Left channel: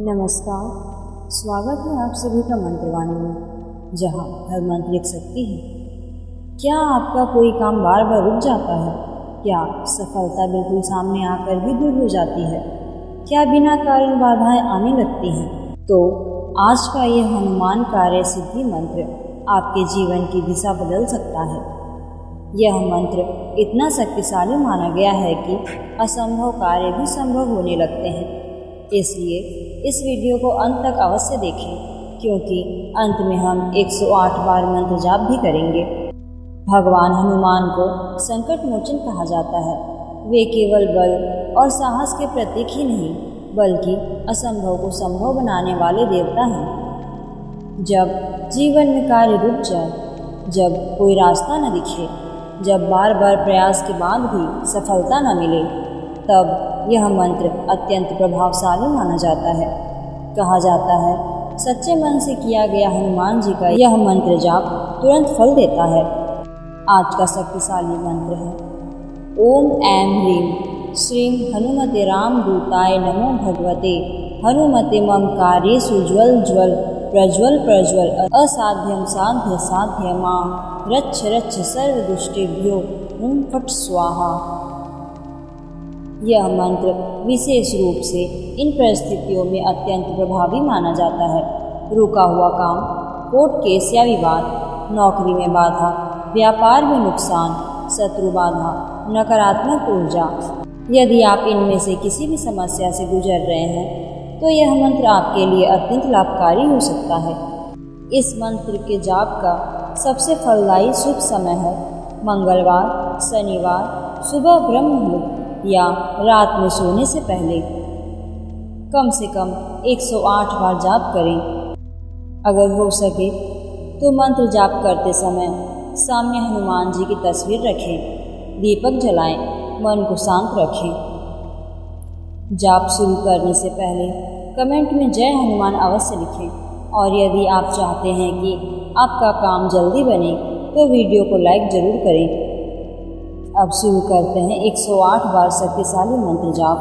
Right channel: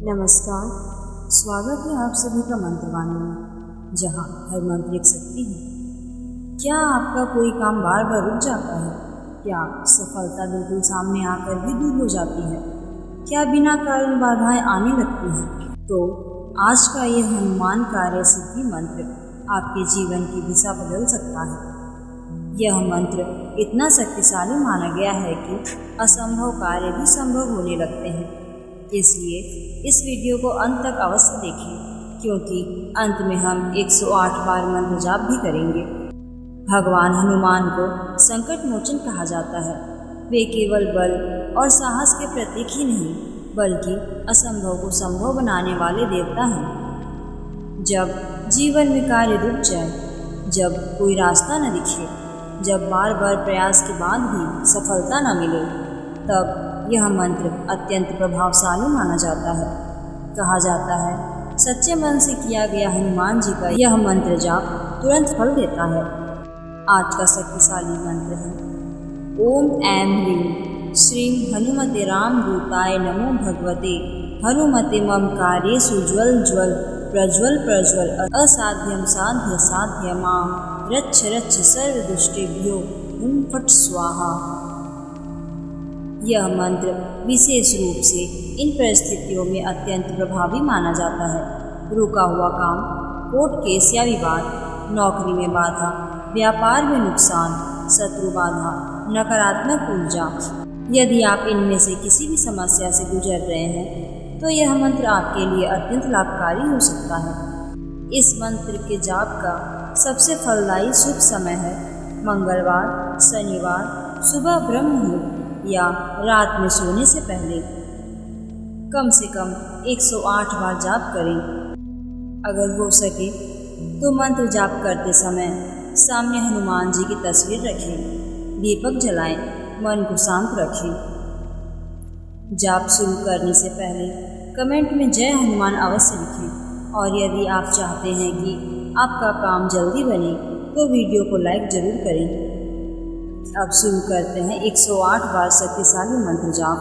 नमस्कार। स्वागत है आप सभी का मंत्रवाणी में, जहाँ हर मंत्र एक शक्ति है। क्या आपका कोई काम बार बार रुक जाता है? क्या सफलता बिल्कुल सामने आकर भी दूर हो जाती है? क्या बिना कारण बाधाएं आने लगती हैं? तो आज का यह हनुमान कार्य सिद्धि मंत्र आपके जीवन की दिशा बदल सकता है। यह मंत्र इतना शक्तिशाली माना गया है कि असंभव कार्य भी संभव होने लगते हैं। इसलिए इस वीडियो को अंत तक अवश्य देखें, क्योंकि अंत में हम 108 बार मंत्र जाप भी करेंगे। भगवान हनुमान को संकट मोचन कहा जाता है। वे केवल बल और साहस के प्रतीक ही नहीं, बल्कि असंभव को संभव बनाने वाले देवता हैं। जब जीवन में कार्य रुक जाए, जब कोई रास्ता न दिखे, जब बार बार प्रयास के बाद भी सफलता न मिले, तब यह मंत्र अत्यंत प्रभावशाली माना जाता है। कहा जाता है, सच्चे मन से किया गया हनुमान जी का यह मंत्र जाप तुरंत फल देता है। आज का शक्तिशाली मंत्र है ओम ऐं ह्रीं श्रीं हनुमते रामदूताय नमो भगवते हनुमते मम कार्येषु ज्वल ज्वल प्रज्वल प्रज्वल असाध्यं साध्य साध्य मां रच्छ रच्छ सर्वदुष्टेभ्यो हुं फट् स्वाहा। यह मंत्र विशेष रूप से इन परिस्थितियों में अत्यंत प्रभावी माना जाता है। रुका हुआ काम, कोर्ट केस या विवाद, नौकरी में बाधा, व्यापार में नुकसान, शत्रु बाधा, नकारात्मक ऊर्जा। यदि आप इनमें से किसी भी समस्या से गुजर रहे हैं, तो यह मंत्र आपके लिए अत्यंत लाभकारी हो सकता है। इस मंत्र के जाप का सबसे फलदायी शुभ समय है मंगलवार, शनिवार, सुबह ब्रह्म मुहूर्त या रात में सोने से पहले। कम से कम 108 बार जाप करें। अगर हो सके तो मंत्र जाप करते समय सामने हनुमान जी की तस्वीर रखें, दीपक जलाएं, मन को शांत रखें। जाप शुरू करने से पहले कमेंट में जय हनुमान अवश्य लिखें। और यदि आप चाहते हैं कि आपका काम जल्दी बने, तो वीडियो को लाइक जरूर करें। अब शुरू करते हैं 108 बार शक्तिशाली मंत्र जाप।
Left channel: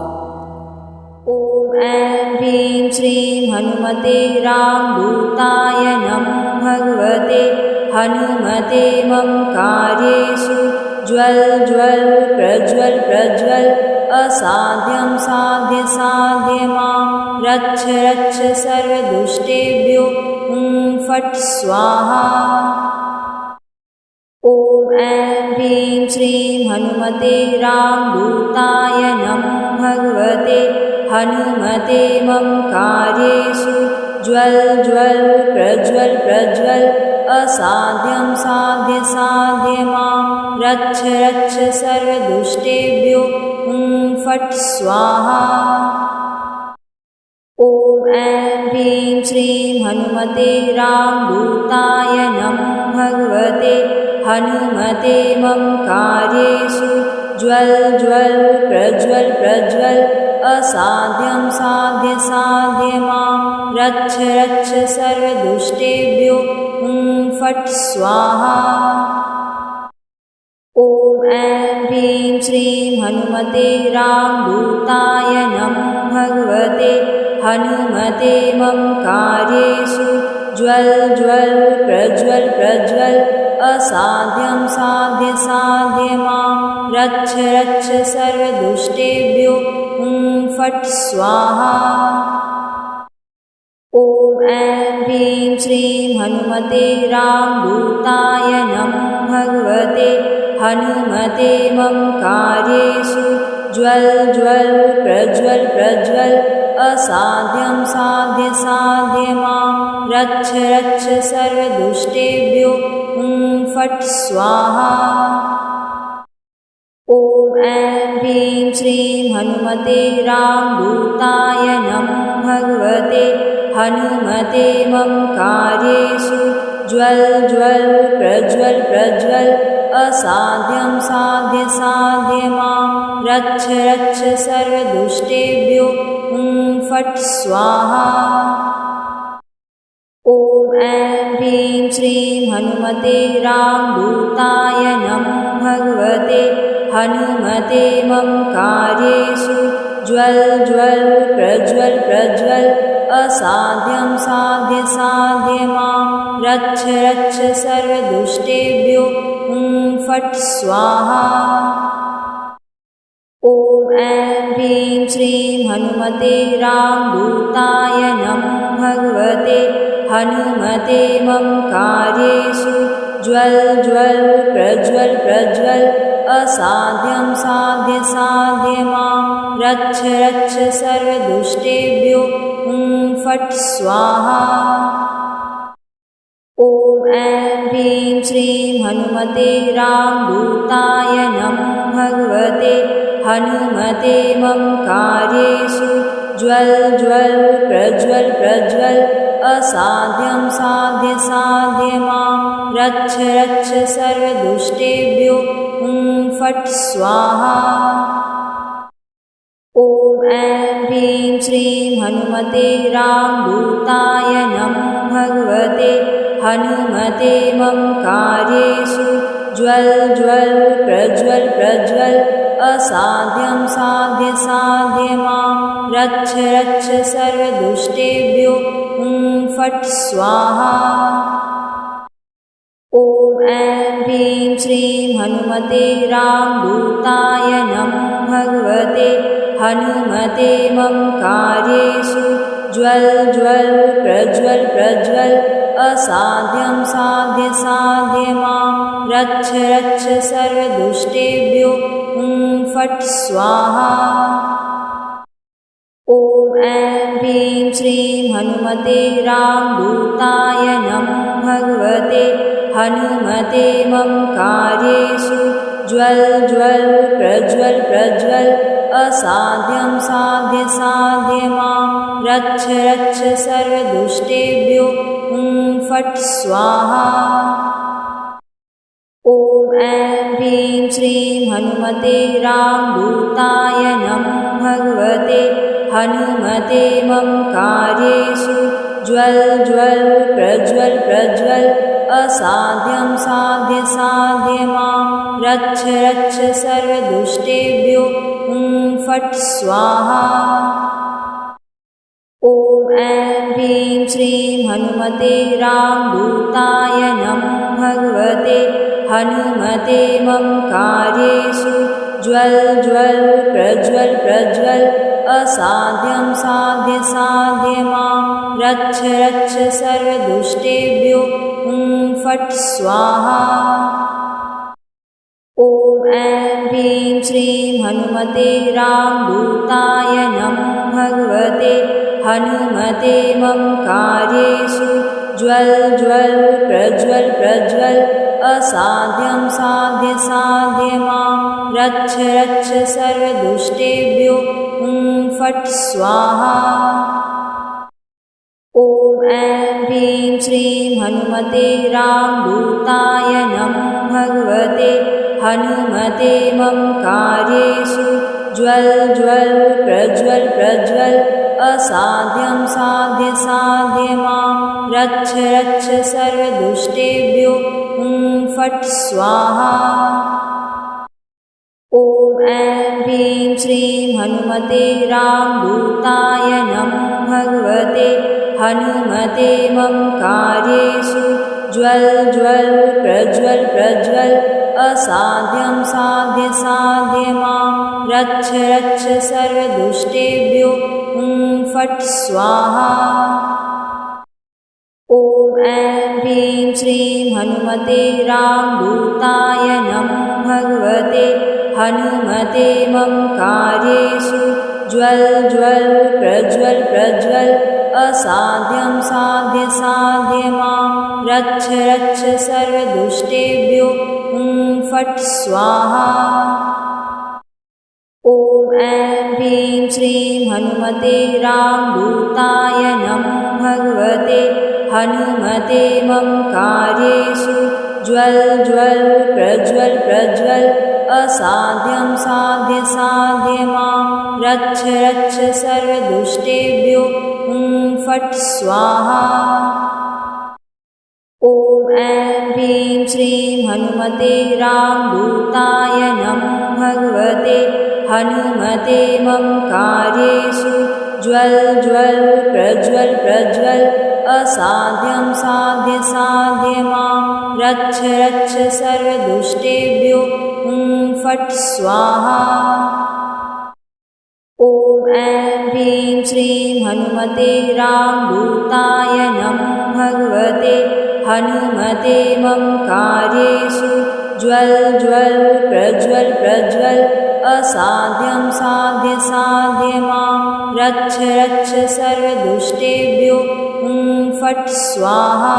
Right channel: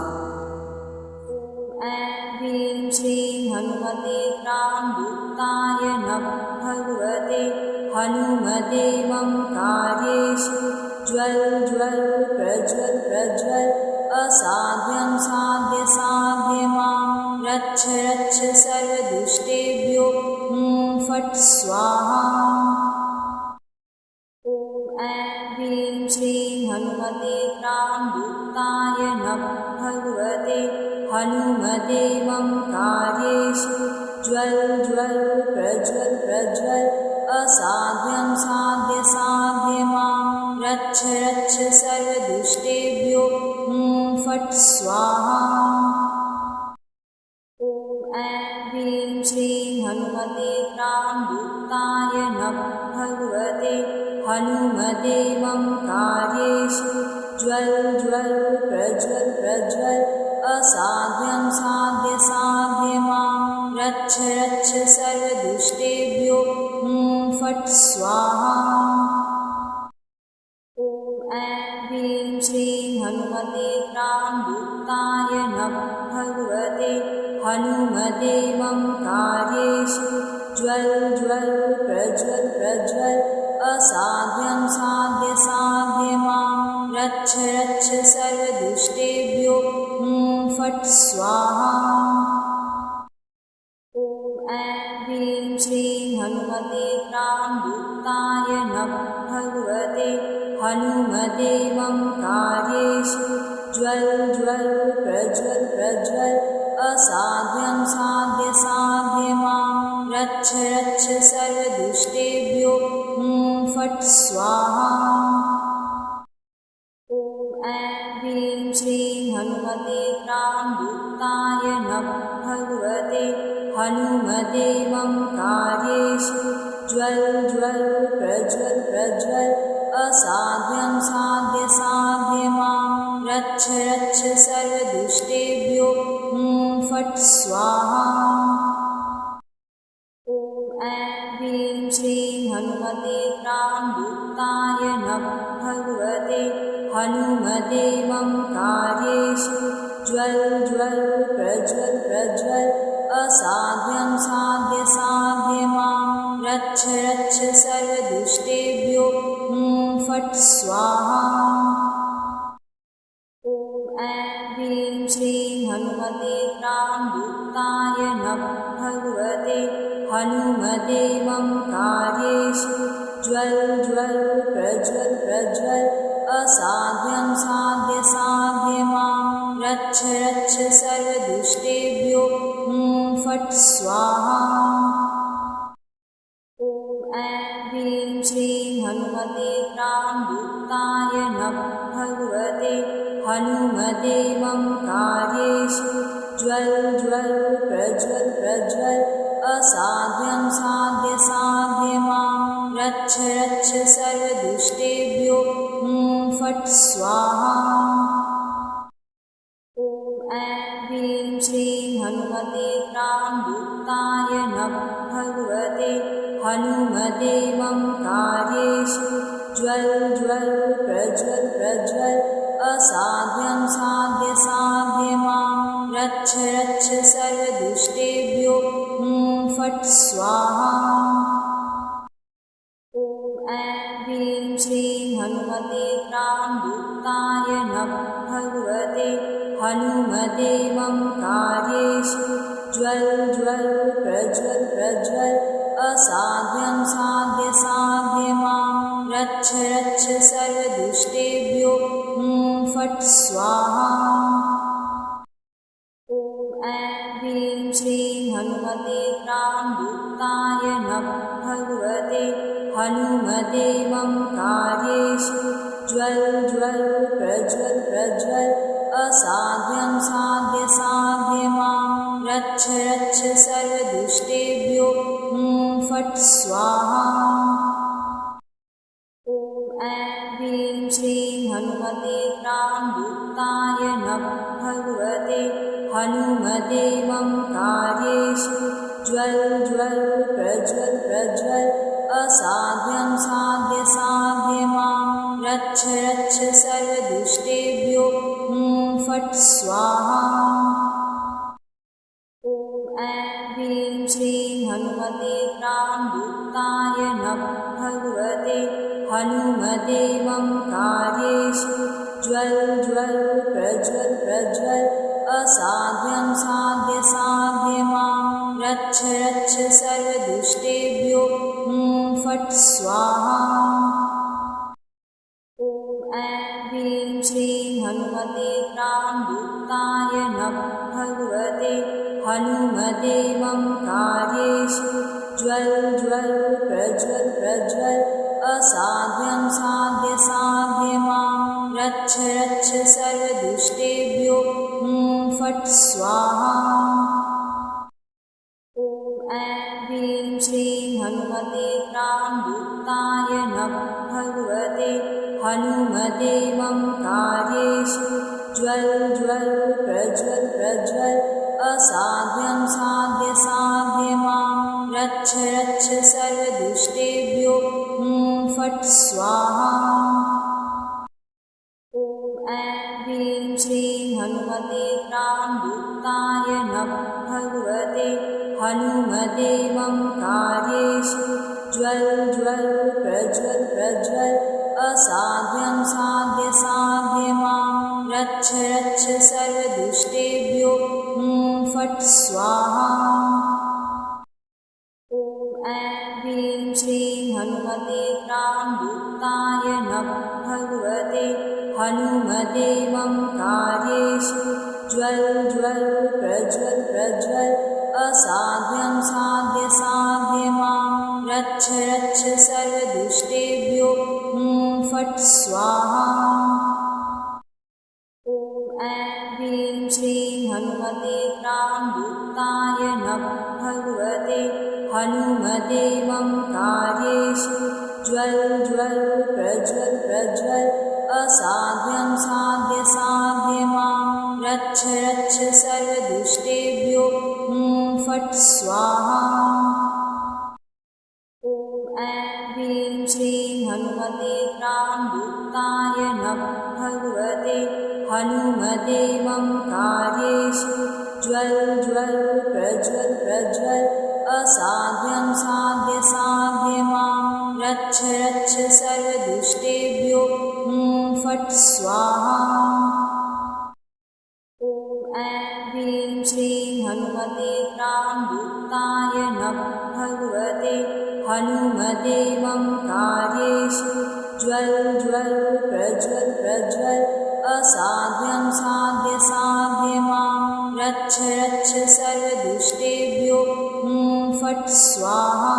ओम ऐं ह्रीं श्रीं हनुमते रामदूताय नमो भगवते हनुमते मम कार्येषु ज्वल ज्वल प्रज्वल प्रज्वल असाध्यं साध्य साध्य मां रच्छ रच्छ सर्वदुष्टेभ्यो हुं फट् स्वाहा। ओम ऐं ह्रीं श्रीं हनुमते रामदूताय नमो भगवते हनुमते मम कार्येषु ज्वल ज्वल प्रज्वल प्रज्वल असाध्यं साध्य साध्य मां रच्छ रच्छ सर्वदुष्टेभ्यो हुं फट् स्वाहा। ओम ऐं ह्रीं श्रीं हनुमते रामदूताय नमो भगवते हनुमते मम कार्येषु ज्वल ज्वल प्रज्वल प्रज्वल असाध्यं साध्य साध्य मां रच्छ रच्छ सर्वदुष्टेभ्यो हुं फट् स्वाहा। ओम ऐं ह्रीं श्रीं हनुमते रामदूताय नमो भगवते हनुमते मम कार्येषु ज्वल ज्वल प्रज्वल प्रज्वल असाध्यं साध्य साध्य मां रच्छ रच्छ सर्वदुष्टेभ्यो हुं फट् स्वाहा। ओम ऐं ह्रीं श्रीं हनुमते रामदूताय नमो भगवते हनुमते मम कार्येषु ज्वल ज्वल प्रज्वल प्रज्वल असाध्यं साध्य साध्य मां रच्छ रच्छ सर्वदुष्टेभ्यो हुं फट् स्वाहा। ओम ऐं ह्रीं श्रीं हनुमते रामदूताय नमो भगवते हनुमते मम कार्येषु ज्वल ज्वल प्रज्वल प्रज्वल असाध्यं साध्य साध्य मां रच्छ रच्छ सर्वदुष्टेभ्यो हुं फट् स्वाहा। ओम ऐं ह्रीं श्रीं हनुमते रामदूताय नमो भगवते हनुमते मम कार्येषु ज्वल ज्वल प्रज्वल प्रज्वल असाध्यं साध्य मां रक्ष रक्ष सर्वदुष्टेभ्यो फट् स्वाहा। ॐ ऐं ह्रीं श्रीं हनुमते रामदूताय नमः। भगवते हनुमते मम कार्येषु ज्वल ज्वल प्रज्वल प्रज्वल असाध्यं साध्य मां रक्ष रक्ष सर्वदुष्टेभ्यो फट् स्वाहा। ॐ ऐं ह्रीं श्रीं हनुमते रामदूताय नमः। भगवते हनुमते मम कार्येषु ज्वल ज्वल प्रज्वल प्रज्वल असाध्यं साध्य मां रक्ष रक्ष सर्वदुष्टेभ्यो फट् स्वाहा। ॐ ऐं ह्रीं श्रीं हनुमते रामदूताय नमः। भगवते हनुमते मम कार्येषु ज्वल ज्वल प्रज्वल प्रज्वल असाध्यं साध्य मां रक्ष रक्ष सर्वदुष्टेभ्यो फट् स्वाहा। ॐ ऐं ह्रीं श्रीं हनुमते रामदूताय नमः। भगवते हनुमते मम कार्येषु ज्वल ज्वल प्रज्वल प्रज्वल असाध्यं साध्य मां रक्ष रक्ष सर्वदुष्टेभ्यो फट् स्वाहा। ॐ ऐं ह्रीं श्रीं हनुमते रामदूताय नमः। भगवते हनुमते मम कार्येषु ज्वल ज्वल प्रज्वल प्रज्वल असाध्यं साध्य मां रक्ष रक्ष सर्वदुष्टेभ्यो फट् स्वाहा। ॐ ऐं ह्रीं श्रीं हनुमते रामदूताय नमः। भगवते हनुमते मम कार्येषु ज्वल ज्वल प्रज्वल प्रज्वल असाध्यं साध्य मां रक्ष रक्ष सर्वदुष्टेभ्यो फट् स्वाहा। ॐ ऐं ह्रीं श्रीं हनुमते रामदूताय नमः। भगवते हनुमते मम कार्येषु ज्वल ज्वल प्रज्वल प्रज्वल असाध्यं साध्य मां रक्ष रक्ष सर्वदुष्टेभ्यो फट् स्वाहा। ॐ ऐं ह्रीं श्रीं हनुमते रामदूताय नमः। भगवते हनुमते मम कार्येषु ज्वल ज्वल प्रज्वल प्रज्वल असाध्यं साध्य मां रक्ष रक्ष सर्वदुष्टेभ्यो फट् स्वाहा। ॐ ऐं ह्रीं श्रीं हनुमते रामदूताय नमः। भगवते हनुमते मम कार्येषु ज्वल ज्वल प्रज्वल प्रज्वल असाध्यं साध्य मां रक्ष रक्ष सर्वदुष्टेभ्यो फट् स्वाहा। ॐ ऐं ह्रीं श्रीं हनुमते रामदूताय नमः। भगवते हनुमते मम कार्येषु ज्वल ज्वल प्रज्वल प्रज्वल असाध्यं साध्य मां रक्ष रक्ष सर्वदुष्टेभ्यो फट् स्वाहा। ॐ ऐं ह्रीं श्रीं हनुमते रामदूताय नमः। भगवते हनुमते मम कार्येषु ज्वल ज्वल प्रज्वल प्रज्वल असाध्यं साध्य मां रक्ष रक्ष सर्वदुष्टेभ्यो फट् स्वाहा। ॐ ऐं ह्रीं श्रीं हनुमते रामदूताय नमः। भगवते हनुमते मम कार्येषु ज्वल ज्वल प्रज्वल प्रज्वल असाध्यं साध्य मां रक्ष रक्ष सर्वदुष्टेभ्यो फट् स्वाहा। ॐ ऐं ह्रीं श्रीं हनुमते रामदूताय नमः। भगवते हनुमते मम कार्येषु ज्वल ज्वल प्रज्वल प्रज्वल असाध्यं साध्य साध्य मां रक्ष रक्ष सर्वदुष्टेभ्यो हुं फट् स्वाहा। ॐ ऐं ह्रीं श्रीं हनुमते रामदूताय नमः भगवते हनुमते मम कार्येषु ज्वल ज्वल प्रज्वल प्रज्वल असाध्यं साध्य साध्य मां रक्ष रक्ष सर्वदुष्टेभ्यो हुं फट् स्वाहा।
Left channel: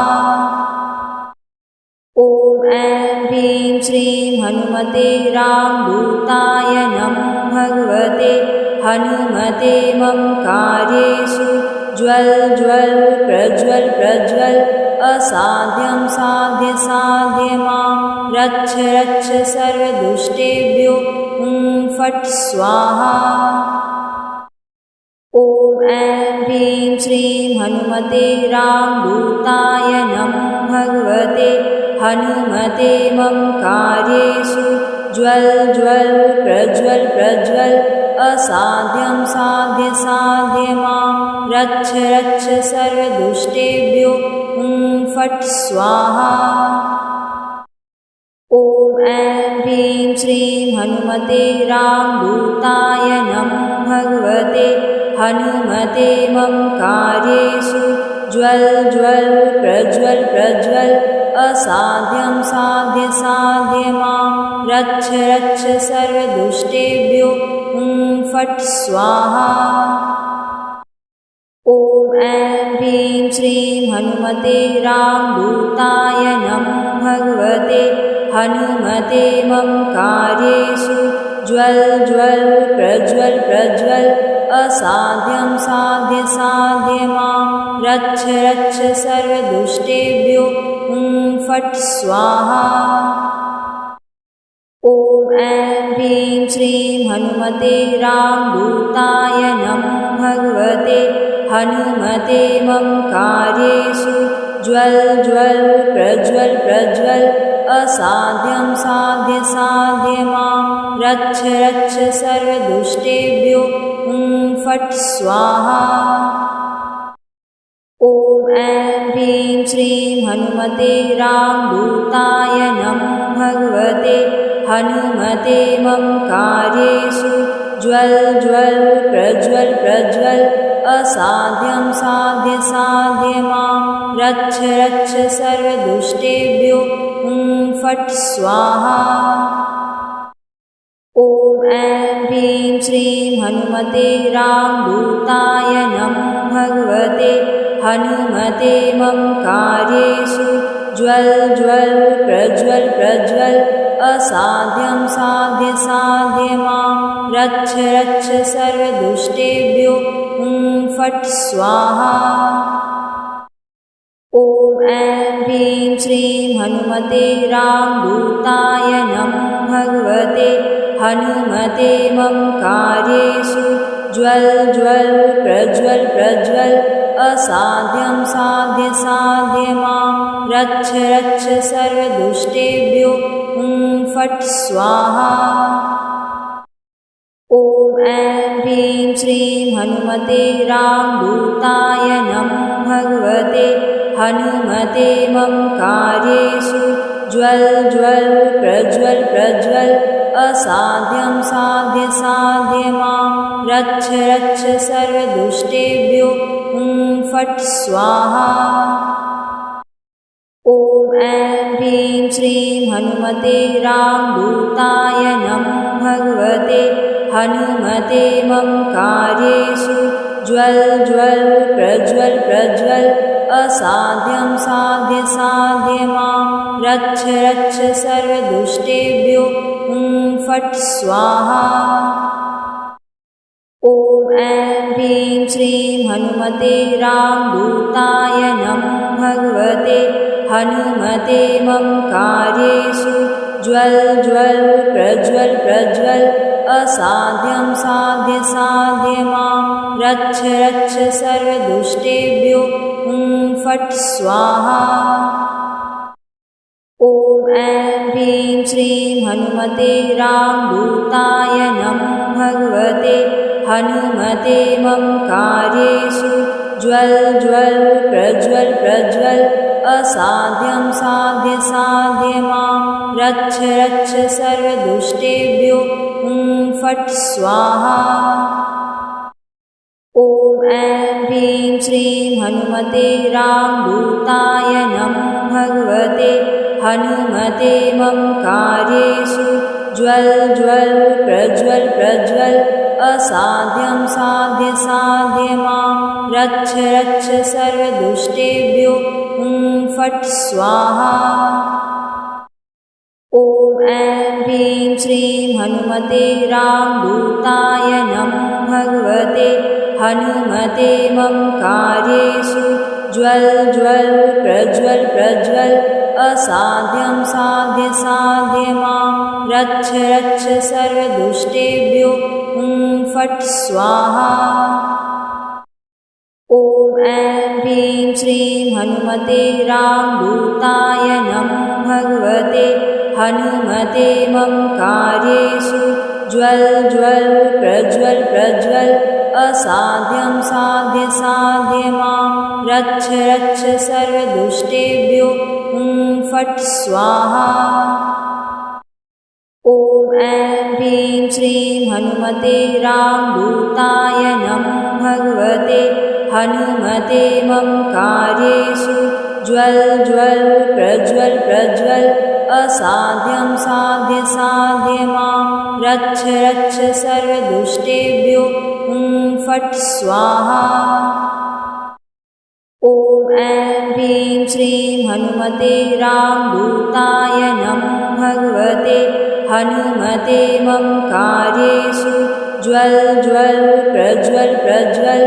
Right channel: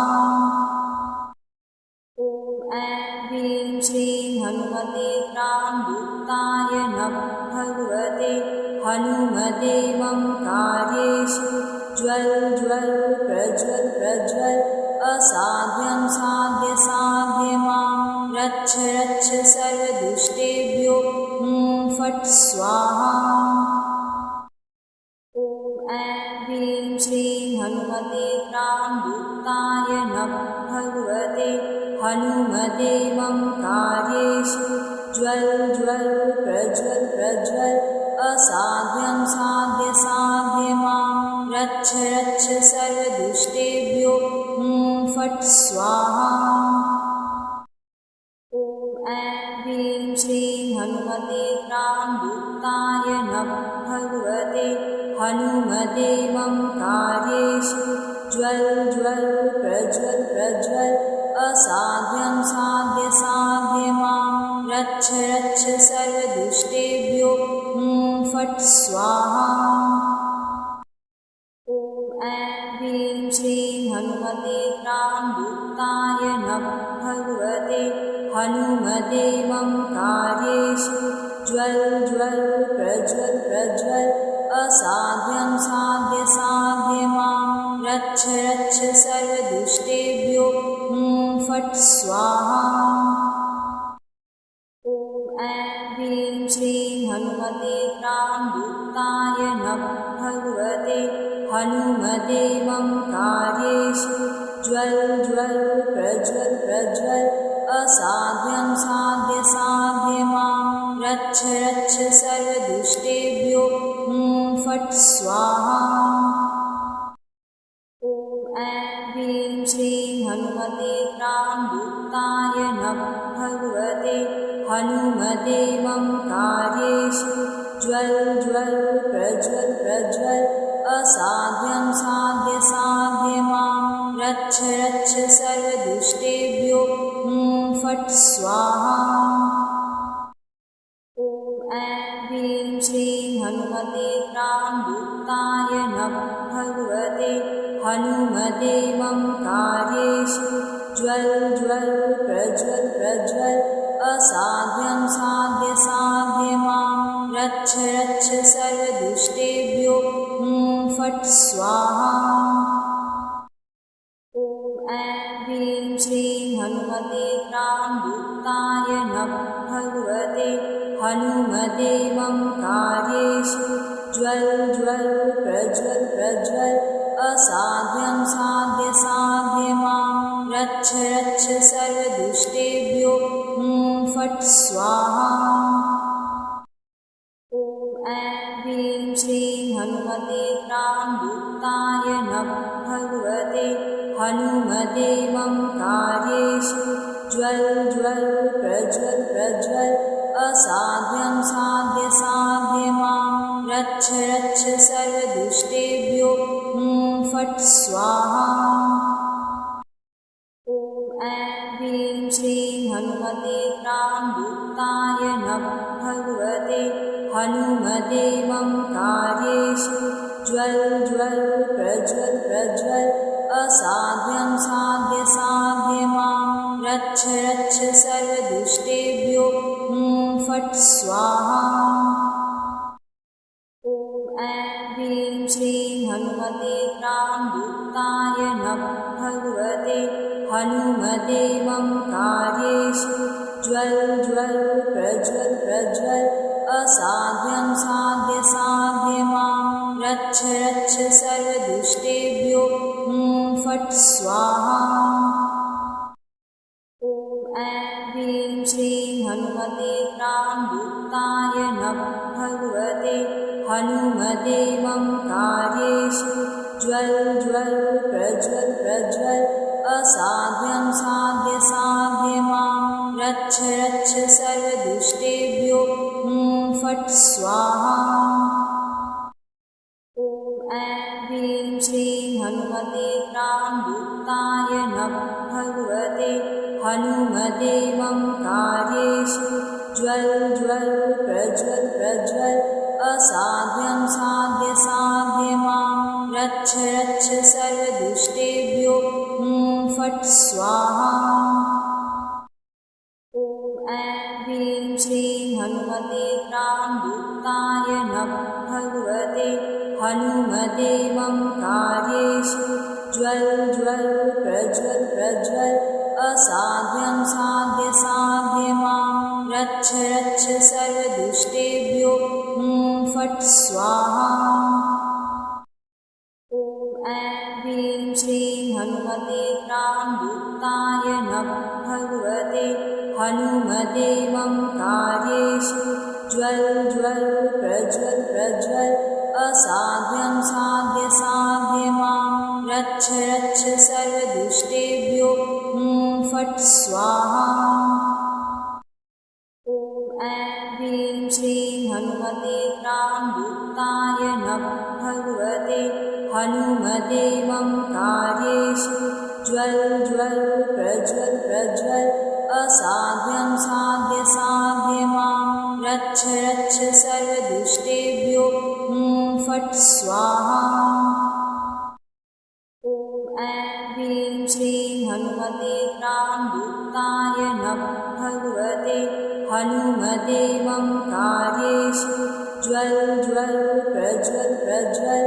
ॐ ऐं ह्रीं श्रीं हनुमते रामदूताय नमः भगवते हनुमते मम कार्येषु ज्वल ज्वल प्रज्वल प्रज्वल असाध्यं साध्य साध्य मां रक्ष रक्ष सर्वदुष्टेभ्यो हुं फट् स्वाहा। ॐ ऐं ह्रीं श्रीं हनुमते रामदूताय नमः भगवते हनुमते मम कार्येषु ज्वल ज्वल प्रज्वल प्रज्वल असाध्यं साध्य साध्य मां रक्ष रक्ष सर्वदुष्टेभ्यो हुं फट् स्वाहा। ॐ ऐं ह्रीं श्रीं हनुमते रामदूताय नमः भगवते हनुमते मम कार्येषु ज्वल ज्वल प्रज्वल प्रज्वल असाध्यं साध्य साध्य मां रक्ष रक्ष सर्वदुष्टेभ्यो हुं फट् स्वाहा। ॐ ऐं ह्रीं श्रीं हनुमते रामदूताय नमः भगवते हनुमते मम कार्येषु ज्वल ज्वल प्रज्वल प्रज्वल असाध्यं साध्य साध्य मां रक्ष रक्ष सर्वदुष्टेभ्यो हुं फट् स्वाहा। ॐ ऐं ह्रीं श्रीं हनुमते रामदूताय नमः भगवते हनुमते मम कार्येषु ज्वल ज्वल प्रज्वल प्रज्वल असाध्यं साध्य साध्य मां रक्ष रक्ष सर्वदुष्टेभ्यो हुं फट् स्वाहा। ॐ ऐं ह्रीं श्रीं हनुमते रामदूताय नमः भगवते हनुमते मम कार्येषु ज्वल ज्वल प्रज्वल प्रज्वल असाध्यं साध्य साध्य मां रक्ष रक्ष सर्वदुष्टेभ्यो हुं फट् स्वाहा। ॐ ऐं ह्रीं श्रीं हनुमते रामदूताय नमः भगवते हनुमते मम कार्येषु ज्वल ज्वल प्रज्वल प्रज्वल असाध्यं साध्य साध्य मां रक्ष रक्ष सर्वदुष्टेभ्यो हुं फट् स्वाहा। ॐ ऐं ह्रीं श्रीं हनुमते रामदूताय नमः भगवते हनुमते मम कार्येषु ज्वल ज्वल प्रज्वल प्रज्वल असाध्यं साध्य साध्य मां रक्ष रक्ष सर्वदुष्टेभ्यो हुं फट् स्वाहा। ॐ ऐं ह्रीं श्रीं हनुमते रामदूताय नमः भगवते हनुमते मम कार्येषु ज्वल ज्वल प्रज्वल प्रज्वल असाध्यं साध्य साध्य मां रक्ष रक्ष सर्वदुष्टेभ्यो हुं फट् स्वाहा। ॐ ऐं ह्रीं श्रीं हनुमते रामदूताय नमः भगवते हनुमते मम कार्येषु ज्वल ज्वल प्रज्वल प्रज्वल असाध्यं साध्य साध्य मां रक्ष रक्ष सर्वदुष्टेभ्यो हुं फट् स्वाहा। ॐ ऐं ह्रीं श्रीं हनुमते रामदूताय नमः भगवते हनुमते मम कार्येषु ज्वल ज्वल प्रज्वल प्रज्वल असाध्यं साध्य साध्य मां रक्ष रक्ष सर्वदुष्टेभ्यो हुं फट् स्वाहा। ॐ ऐं ह्रीं श्रीं हनुमते रामदूताय नमः भगवते हनुमते मम कार्येषु ज्वल ज्वल प्रज्वल प्रज्वल असाध्यं साध्य साध्य मां रक्ष रक्ष सर्वदुष्टेभ्यो फट् स्वाहा। ॐ ऐं ह्रीं श्रीं हनुमते रामदूताय नमः। भगवते हनुमते मम कार्येषु ज्वल ज्वल प्रज्वल प्रज्वल असाध्यं साध्य साध्य मां रक्ष रक्ष सर्वदुष्टेभ्यो फट् स्वाहा। ॐ ऐं ह्रीं श्रीं हनुमते रामदूताय नमः। भगवते हनुमते मम कार्येषु ज्वल ज्वल प्रज्वल प्रज्वल असाध्यं साध्य साध्य मां रक्ष रक्ष सर्वदुष्टेभ्यो फट् स्वाहा। ॐ ऐं ह्रीं श्रीं हनुमते रामदूताय नमः। भगवते हनुमते मम कार्येषु ज्वल ज्वल प्रज्वल प्रज्वल असाध्यं साध्य साध्य मां रक्ष रक्ष सर्वदुष्टेभ्यो फट् स्वाहा। ॐ ऐं ह्रीं श्रीं हनुमते रामदूताय नमः। भगवते हनुमते मम कार्येषु ज्वल ज्वल प्रज्वल प्रज्वल असाध्यं साध्य साध्य मां रक्ष रक्ष सर्वदुष्टेभ्यो फट् स्वाहा। ॐ ऐं ह्रीं श्रीं हनुमते रामदूताय नमः। भगवते हनुमते मम कार्येषु ज्वल ज्वल प्रज्वल प्रज्वल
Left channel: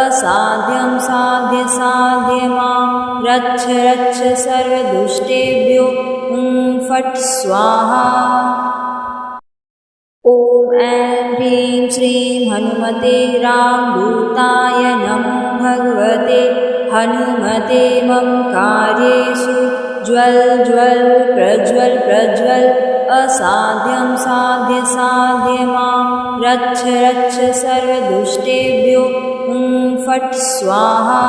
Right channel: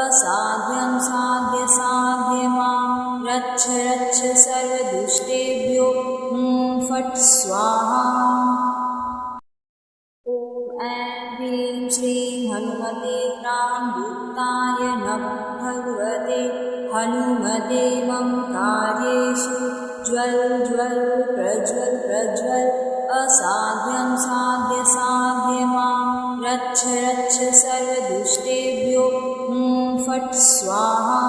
असाध्यं साध्य साध्य मां रक्ष रक्ष सर्वदुष्टेभ्यो फट् स्वाहा। ॐ ऐं ह्रीं श्रीं हनुमते रामदूताय नमः। भगवते हनुमते मम कार्येषु ज्वल ज्वल प्रज्वल प्रज्वल असाध्यं साध्य साध्य मां रक्ष रक्ष सर्वदुष्टेभ्यो फट् स्वाहा।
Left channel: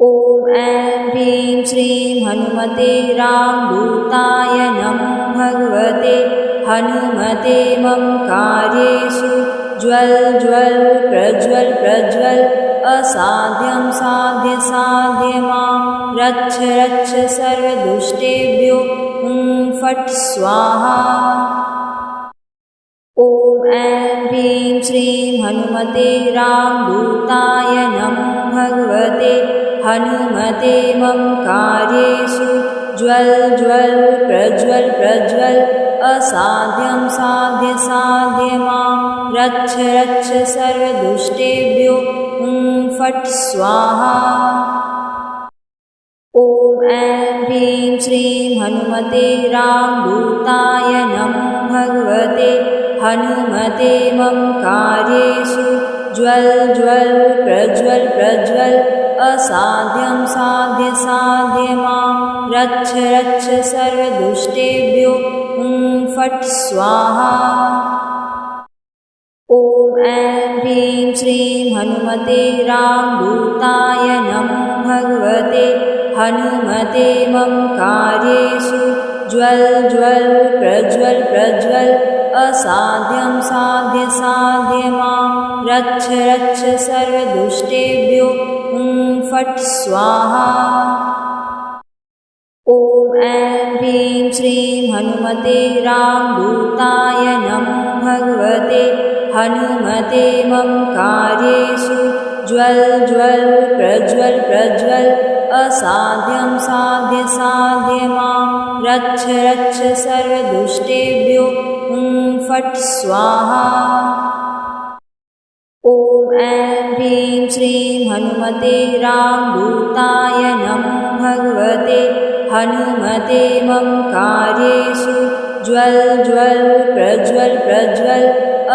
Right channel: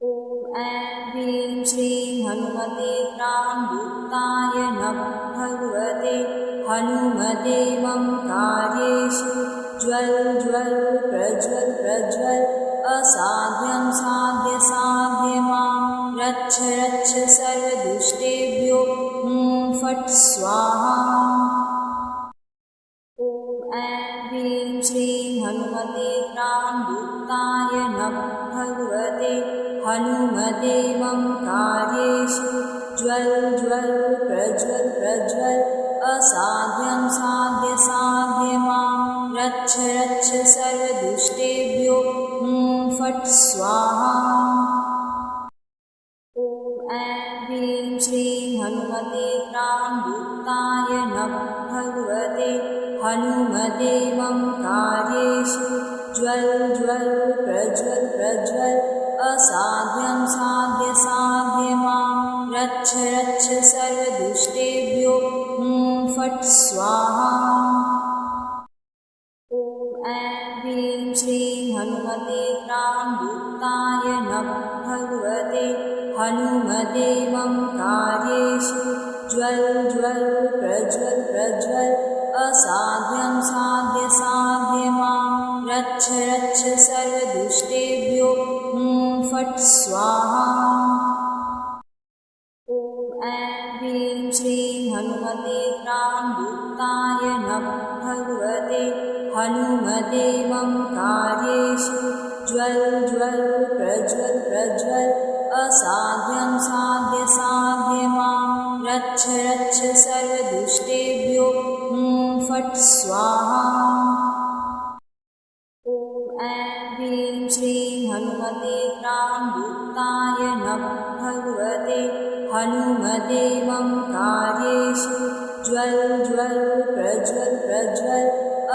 ॐ ऐं ह्रीं श्रीं हनुमते रामदूताय नमः। भगवते हनुमते मम कार्येषु ज्वल ज्वल प्रज्वल प्रज्वल असाध्यं साध्य साध्य मां रक्ष रक्ष सर्वदुष्टेभ्यो फट् स्वाहा। ॐ ऐं ह्रीं श्रीं हनुमते रामदूताय नमः। भगवते हनुमते मम कार्येषु ज्वल ज्वल प्रज्वल प्रज्वल असाध्यं साध्य साध्य मां रक्ष रक्ष सर्वदुष्टेभ्यो फट् स्वाहा। ॐ ऐं ह्रीं श्रीं हनुमते रामदूताय नमः। भगवते हनुमते मम कार्येषु ज्वल ज्वल प्रज्वल प्रज्वल असाध्यं साध्य साध्य मां रक्ष रक्ष सर्वदुष्टेभ्यो फट् स्वाहा। ॐ ऐं ह्रीं श्रीं हनुमते रामदूताय नमः। भगवते हनुमते मम कार्येषु ज्वल ज्वल प्रज्वल प्रज्वल असाध्यं साध्य साध्य मां रक्ष रक्ष सर्वदुष्टेभ्यो फट् स्वाहा। ॐ ऐं ह्रीं श्रीं हनुमते रामदूताय नमः। भगवते हनुमते मम कार्येषु ज्वल ज्वल प्रज्वल प्रज्वल असाध्यं साध्य साध्य मां रक्ष रक्ष सर्वदुष्टेभ्यो फट् स्वाहा। ॐ ऐं ह्रीं श्रीं हनुमते रामदूताय नमः। भगवते हनुमते मम कार्येषु ज्वल ज्वल प्रज्वल प्रज्वल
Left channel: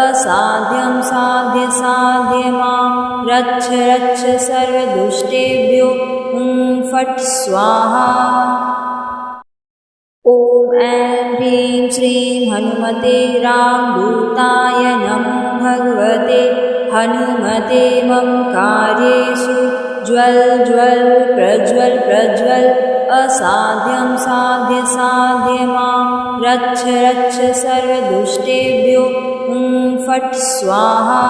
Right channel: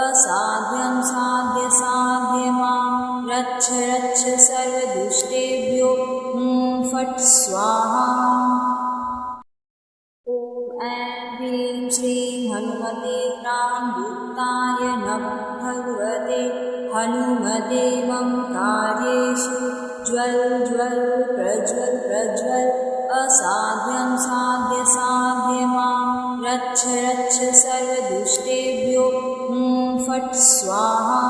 असाध्यं साध्य साध्य मां रक्ष रक्ष सर्वदुष्टेभ्यो फट् स्वाहा। ॐ ऐं ह्रीं श्रीं हनुमते रामदूताय नमः। भगवते हनुमते मम कार्येषु ज्वल ज्वल प्रज्वल प्रज्वल असाध्यं साध्य साध्य मां रक्ष रक्ष सर्वदुष्टेभ्यो फट् स्वाहा।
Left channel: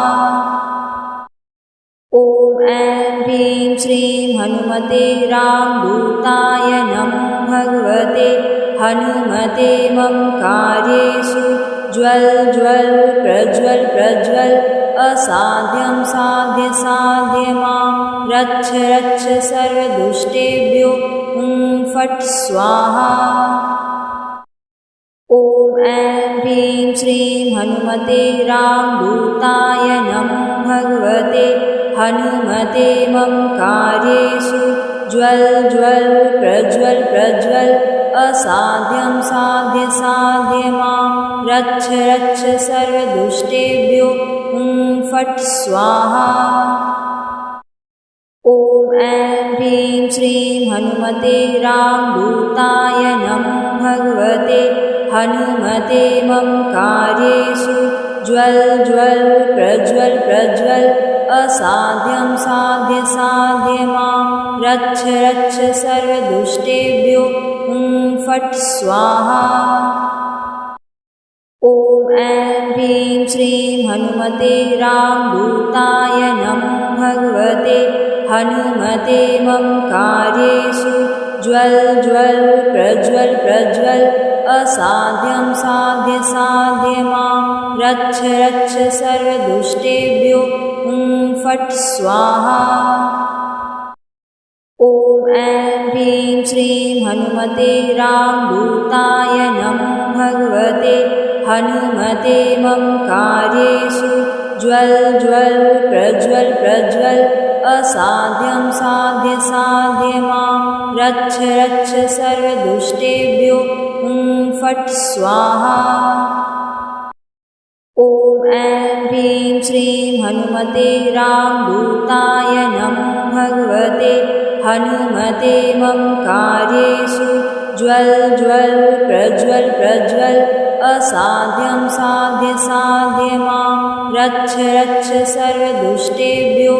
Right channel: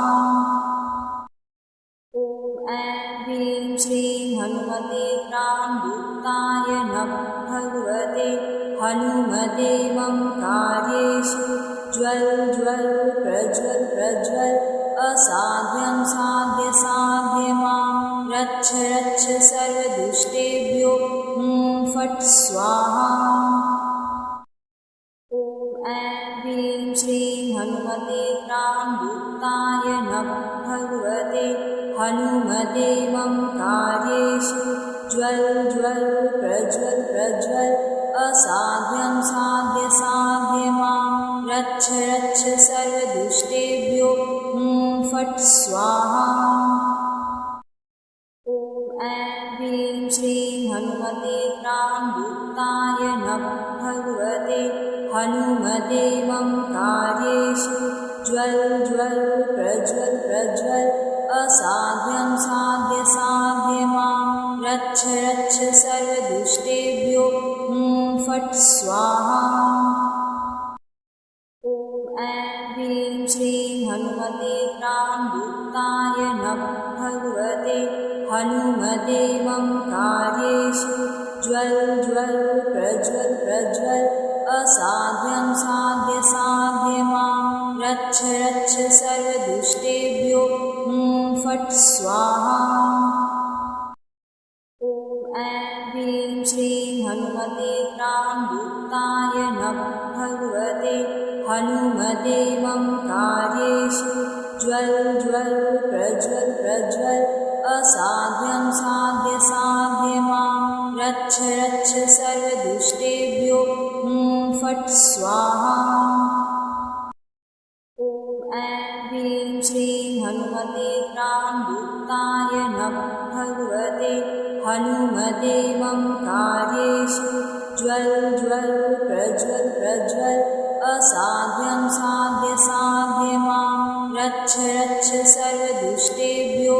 ॐ ऐं ह्रीं श्रीं हनुमते रामदूताय नमः भगवते हनुमते मम कार्येषु ज्वल ज्वल प्रज्वल प्रज्वल असाध्यं साध्य साध्य मां रक्ष रक्ष सर्वदुष्टेभ्यो फट् स्वाहा। ॐ ऐं ह्रीं श्रीं हनुमते रामदूताय नमः भगवते हनुमते मम कार्येषु ज्वल ज्वल प्रज्वल प्रज्वल असाध्यं साध्य साध्य मां रक्ष रक्ष सर्वदुष्टेभ्यो फट् स्वाहा। ॐ ऐं ह्रीं श्रीं हनुमते रामदूताय नमः भगवते हनुमते मम कार्येषु ज्वल ज्वल प्रज्वल प्रज्वल असाध्यं साध्य साध्य मां रक्ष रक्ष सर्वदुष्टेभ्यो फट् स्वाहा। ॐ ऐं ह्रीं श्रीं हनुमते रामदूताय नमः भगवते हनुमते मम कार्येषु ज्वल ज्वल प्रज्वल प्रज्वल असाध्यं साध्य साध्य मां रक्ष रक्ष सर्वदुष्टेभ्यो फट् स्वाहा। ॐ ऐं ह्रीं श्रीं हनुमते रामदूताय नमः भगवते हनुमते मम कार्येषु ज्वल ज्वल प्रज्वल प्रज्वल असाध्यं साध्य साध्य मां रक्ष रक्ष सर्वदुष्टेभ्यो फट् स्वाहा। ॐ ऐं ह्रीं श्रीं हनुमते रामदूताय नमः भगवते हनुमते मम कार्येषु ज्वल ज्वल प्रज्वल प्रज्वल असाध्यं साध्य साध्य मां रक्ष रक्ष सर्वदुष्टेभ्यो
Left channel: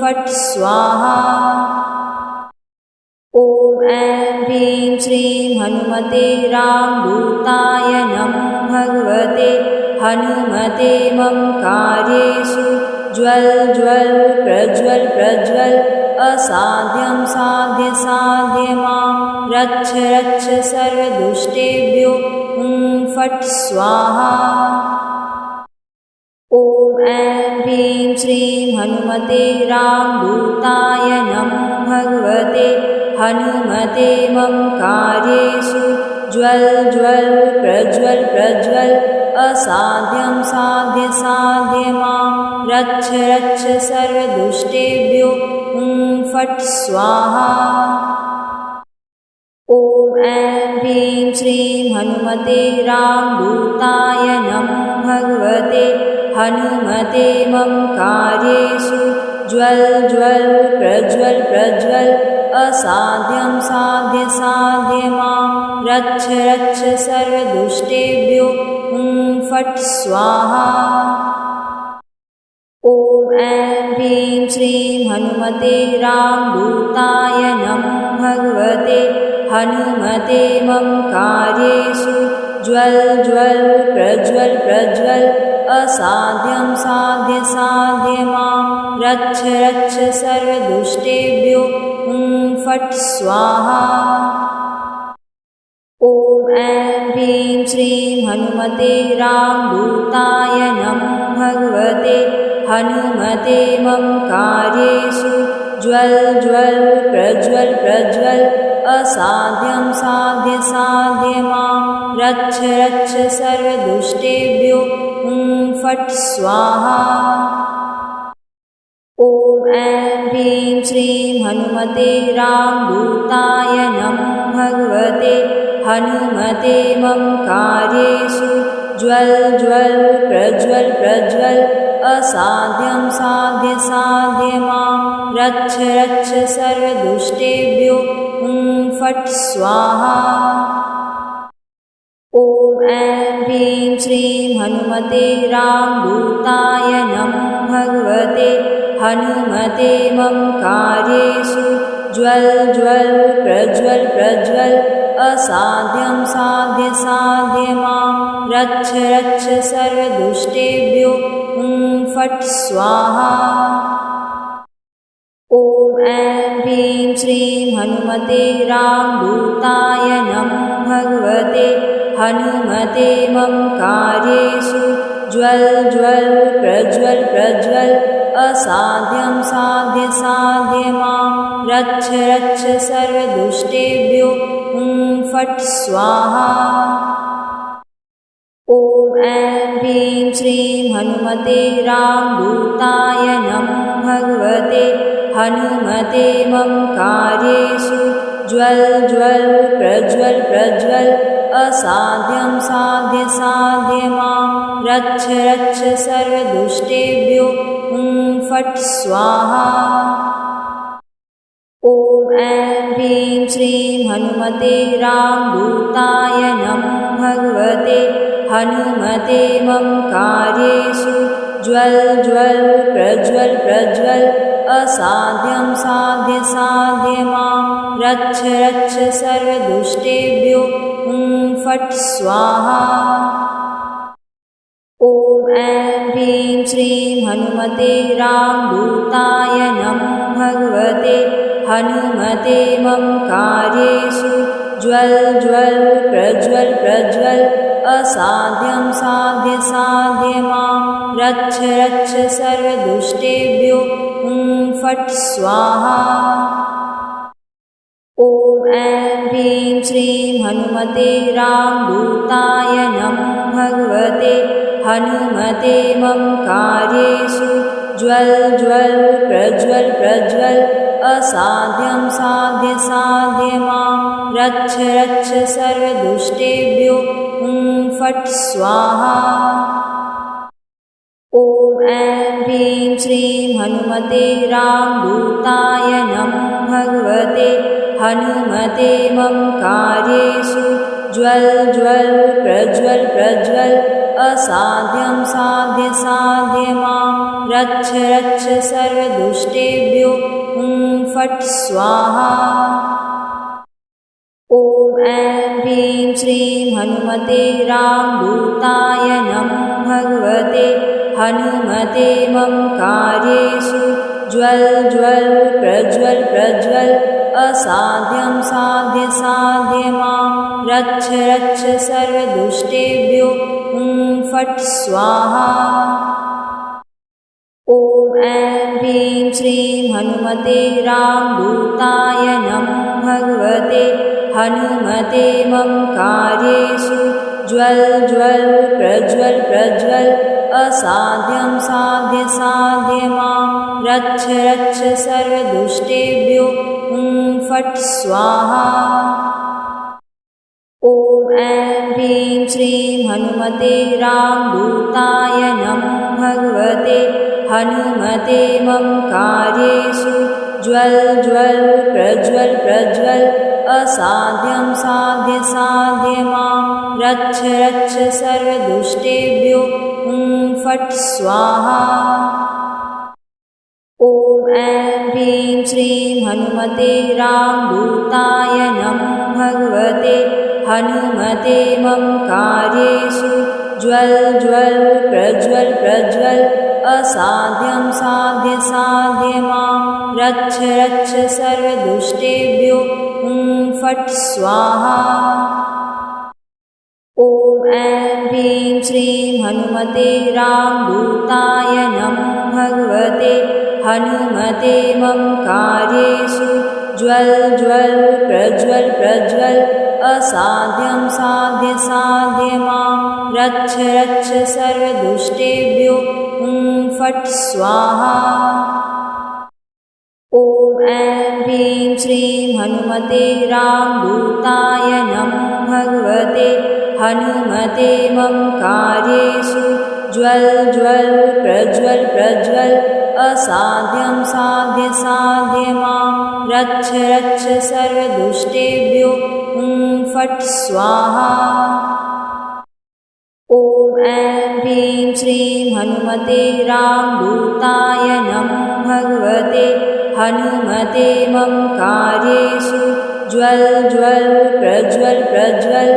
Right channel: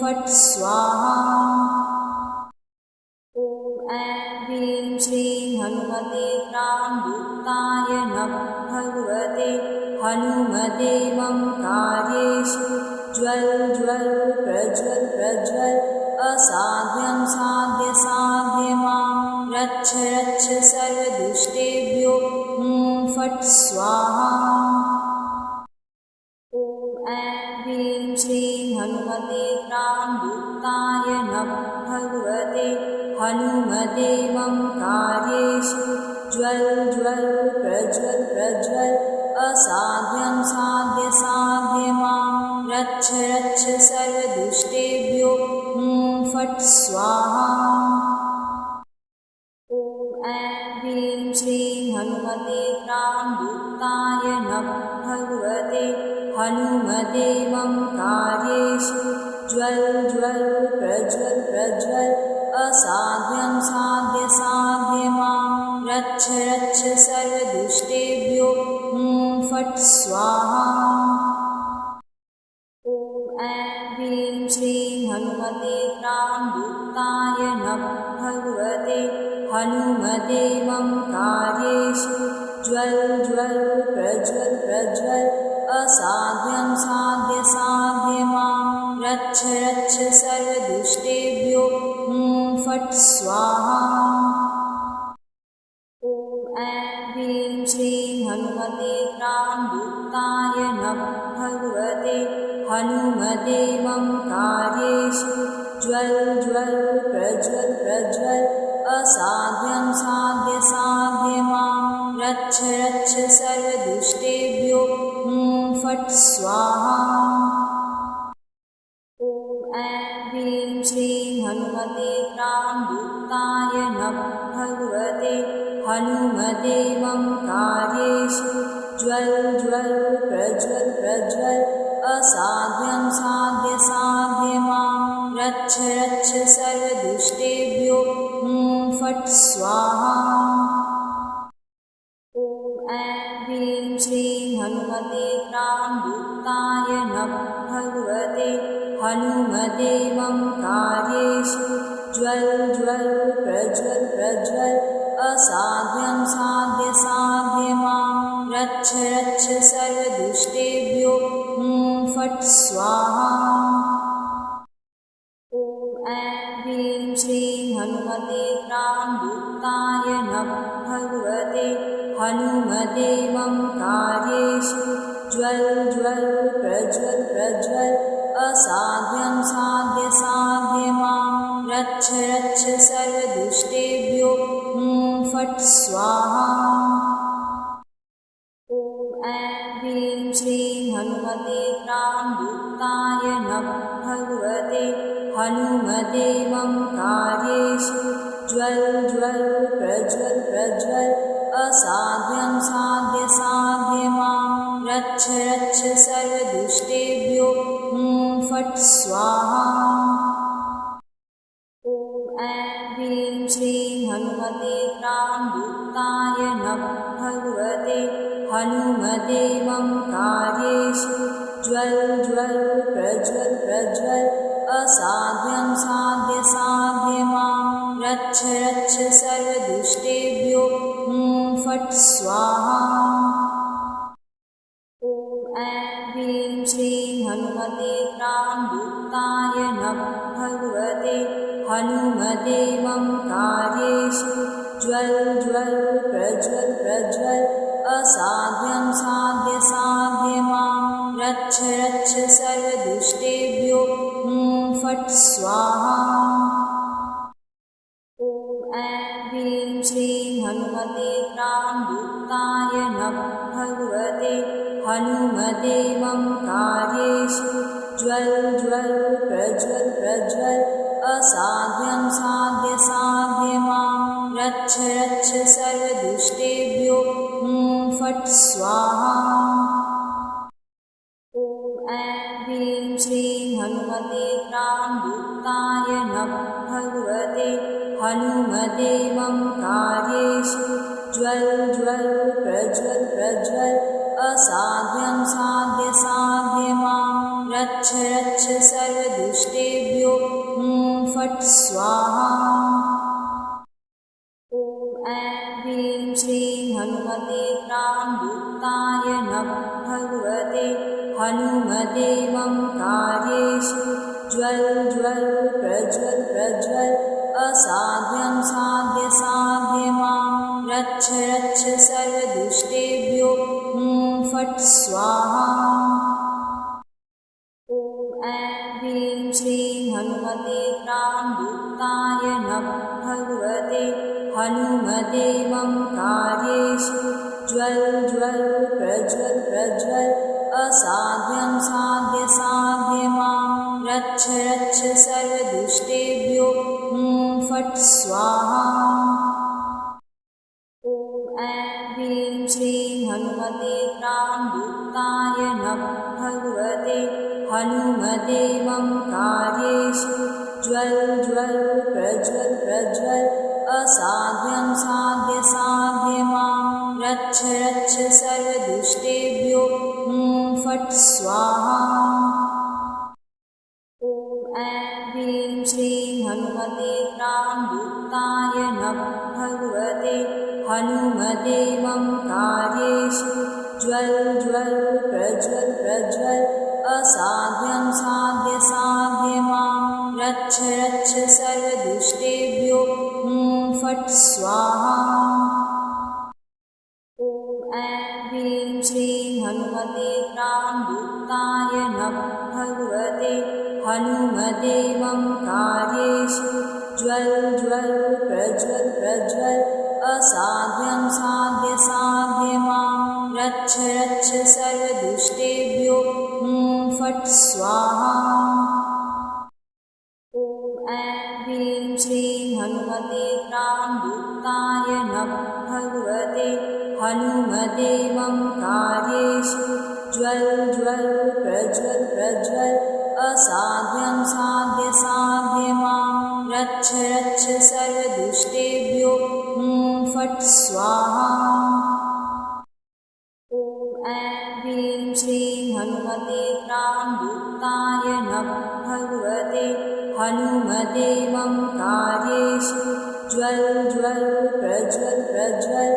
फट् स्वाहा। ॐ ऐं ह्रीं श्रीं हनुमते रामदूताय नमः भगवते हनुमते मम कार्येषु ज्वल ज्वल प्रज्वल प्रज्वल असाध्यं साध्य साध्य मां रक्ष रक्ष सर्वदुष्टेभ्यो फट् स्वाहा। ॐ ऐं ह्रीं श्रीं हनुमते रामदूताय नमः भगवते हनुमते मम कार्येषु ज्वल ज्वल प्रज्वल प्रज्वल असाध्यं साध्य साध्य मां रक्ष रक्ष सर्वदुष्टेभ्यो फट् स्वाहा। ॐ ऐं ह्रीं श्रीं हनुमते रामदूताय नमः भगवते हनुमते मम कार्येषु ज्वल ज्वल प्रज्वल प्रज्वल असाध्यं साध्य साध्य मां रक्ष रक्ष सर्वदुष्टेभ्यो फट् स्वाहा। ॐ ऐं ह्रीं श्रीं हनुमते रामदूताय नमः भगवते हनुमते मम कार्येषु ज्वल ज्वल प्रज्वल प्रज्वल असाध्यं साध्य साध्य मां रक्ष रक्ष सर्वदुष्टेभ्यो फट् स्वाहा। ॐ ऐं ह्रीं श्रीं हनुमते रामदूताय नमः भगवते हनुमते मम कार्येषु ज्वल ज्वल प्रज्वल प्रज्वल असाध्यं साध्य साध्य मां रक्ष रक्ष सर्वदुष्टेभ्यो फट् स्वाहा। ॐ ऐं ह्रीं श्रीं हनुमते रामदूताय नमः भगवते हनुमते मम कार्येषु ज्वल ज्वल प्रज्वल प्रज्वल असाध्यं साध्य साध्य मां रक्ष रक्ष सर्वदुष्टेभ्यो फट् स्वाहा। ॐ ऐं ह्रीं श्रीं हनुमते रामदूताय नमो भगवते हनुमते मम कार्येषु ज्वल ज्वल प्रज्वल प्रज्वल असाध्यं साध्य साध्य मां रक्ष रक्ष सर्वदुष्टेभ्यो फट् स्वाहा। ॐ ऐं ह्रीं श्रीं हनुमते रामदूताय नमो भगवते हनुमते मम कार्येषु ज्वल ज्वल प्रज्वल प्रज्वल असाध्यं साध्य साध्य मां रक्ष रक्ष सर्वदुष्टेभ्यो फट् स्वाहा। ॐ ऐं ह्रीं श्रीं हनुमते रामदूताय नमो भगवते हनुमते मम कार्येषु ज्वल ज्वल प्रज्वल प्रज्वल असाध्यं साध्य साध्य मां रक्ष रक्ष सर्वदुष्टेभ्यो फट् स्वाहा। ॐ ऐं ह्रीं श्रीं हनुमते रामदूताय नमो भगवते हनुमते मम कार्येषु ज्वल ज्वल प्रज्वल प्रज्वल असाध्यं साध्य साध्य मां रक्ष रक्ष सर्वदुष्टेभ्यो फट् स्वाहा। ॐ ऐं ह्रीं श्रीं हनुमते रामदूताय नमो भगवते हनुमते मम कार्येषु ज्वल ज्वल प्रज्वल प्रज्वल असाध्यं साध्य साध्य मां रक्ष रक्ष सर्वदुष्टेभ्यो फट् स्वाहा। ॐ ऐं ह्रीं श्रीं हनुमते रामदूताय नमो भगवते हनुमते मम कार्येषु ज्वल ज्वल प्रज्वल प्रज्वल असाध्यं साध्य साध्य मां रक्ष रक्ष सर्वदुष्टेभ्यो फट् स्वाहा। ॐ ऐं ह्रीं श्रीं हनुमते रामदूताय नमो भगवते हनुमते मम कार्येषु ज्वल ज्वल प्रज्वल प्रज्वल असाध्यं साध्य साध्य मां रक्ष रक्ष सर्वदुष्टेभ्यो फट् स्वाहा। ॐ ऐं ह्रीं श्रीं हनुमते रामदूताय नमो भगवते हनुमते मम कार्येषु ज्वल ज्वल प्रज्वल प्रज्वल असाध्यं साध्य साध्य मां रक्ष रक्ष सर्वदुष्टेभ्यो फट् स्वाहा। ॐ ऐं ह्रीं श्रीं हनुमते रामदूताय नमो भगवते हनुमते मम कार्येषु ज्वल ज्वल प्रज्वल प्रज्वल असाध्यं साध्य साध्य मां रक्ष रक्ष सर्वदुष्टेभ्यो फट् स्वाहा। ॐ ऐं ह्रीं श्रीं हनुमते रामदूताय नमो भगवते हनुमते मम कार्येषु ज्वल ज्वल प्रज्वल प्रज्वल असाध्यं साध्य साध्य मां रक्ष रक्ष सर्वदुष्टेभ्यो फट् स्वाहा। ॐ ऐं ह्रीं श्रीं हनुमते रामदूताय नमो भगवते हनुमते मम कार्येषु ज्वल ज्वल प्रज्वल प्रज्वल असाध्यं साध्य साध्य मां रक्ष रक्ष सर्वदुष्टेभ्यो फट् स्वाहा। ॐ ऐं ह्रीं श्रीं हनुमते रामदूताय नमो भगवते हनुमते मम कार्येषु ज्वल ज्वल प्रज्वल प्रज्वल असाध्यं साध्य साध्य मां रक्ष रक्ष सर्वदुष्टेभ्यो फट् स्वाहा। ॐ ऐं ह्रीं श्रीं हनुमते रामदूताय नमो भगवते हनुमते मम कार्येषु ज्वल ज्वल प्रज्वल प्रज्वल असाध्यं साध्य साध्य मां रक्ष रक्ष सर्वदुष्टेभ्यो फट् स्वाहा। ॐ ऐं श्रीं हनुमते रामदूताय नमो भगवते हनुमते मम कार्येषु ज्वल ज्वल प्रज्वल प्रज्वल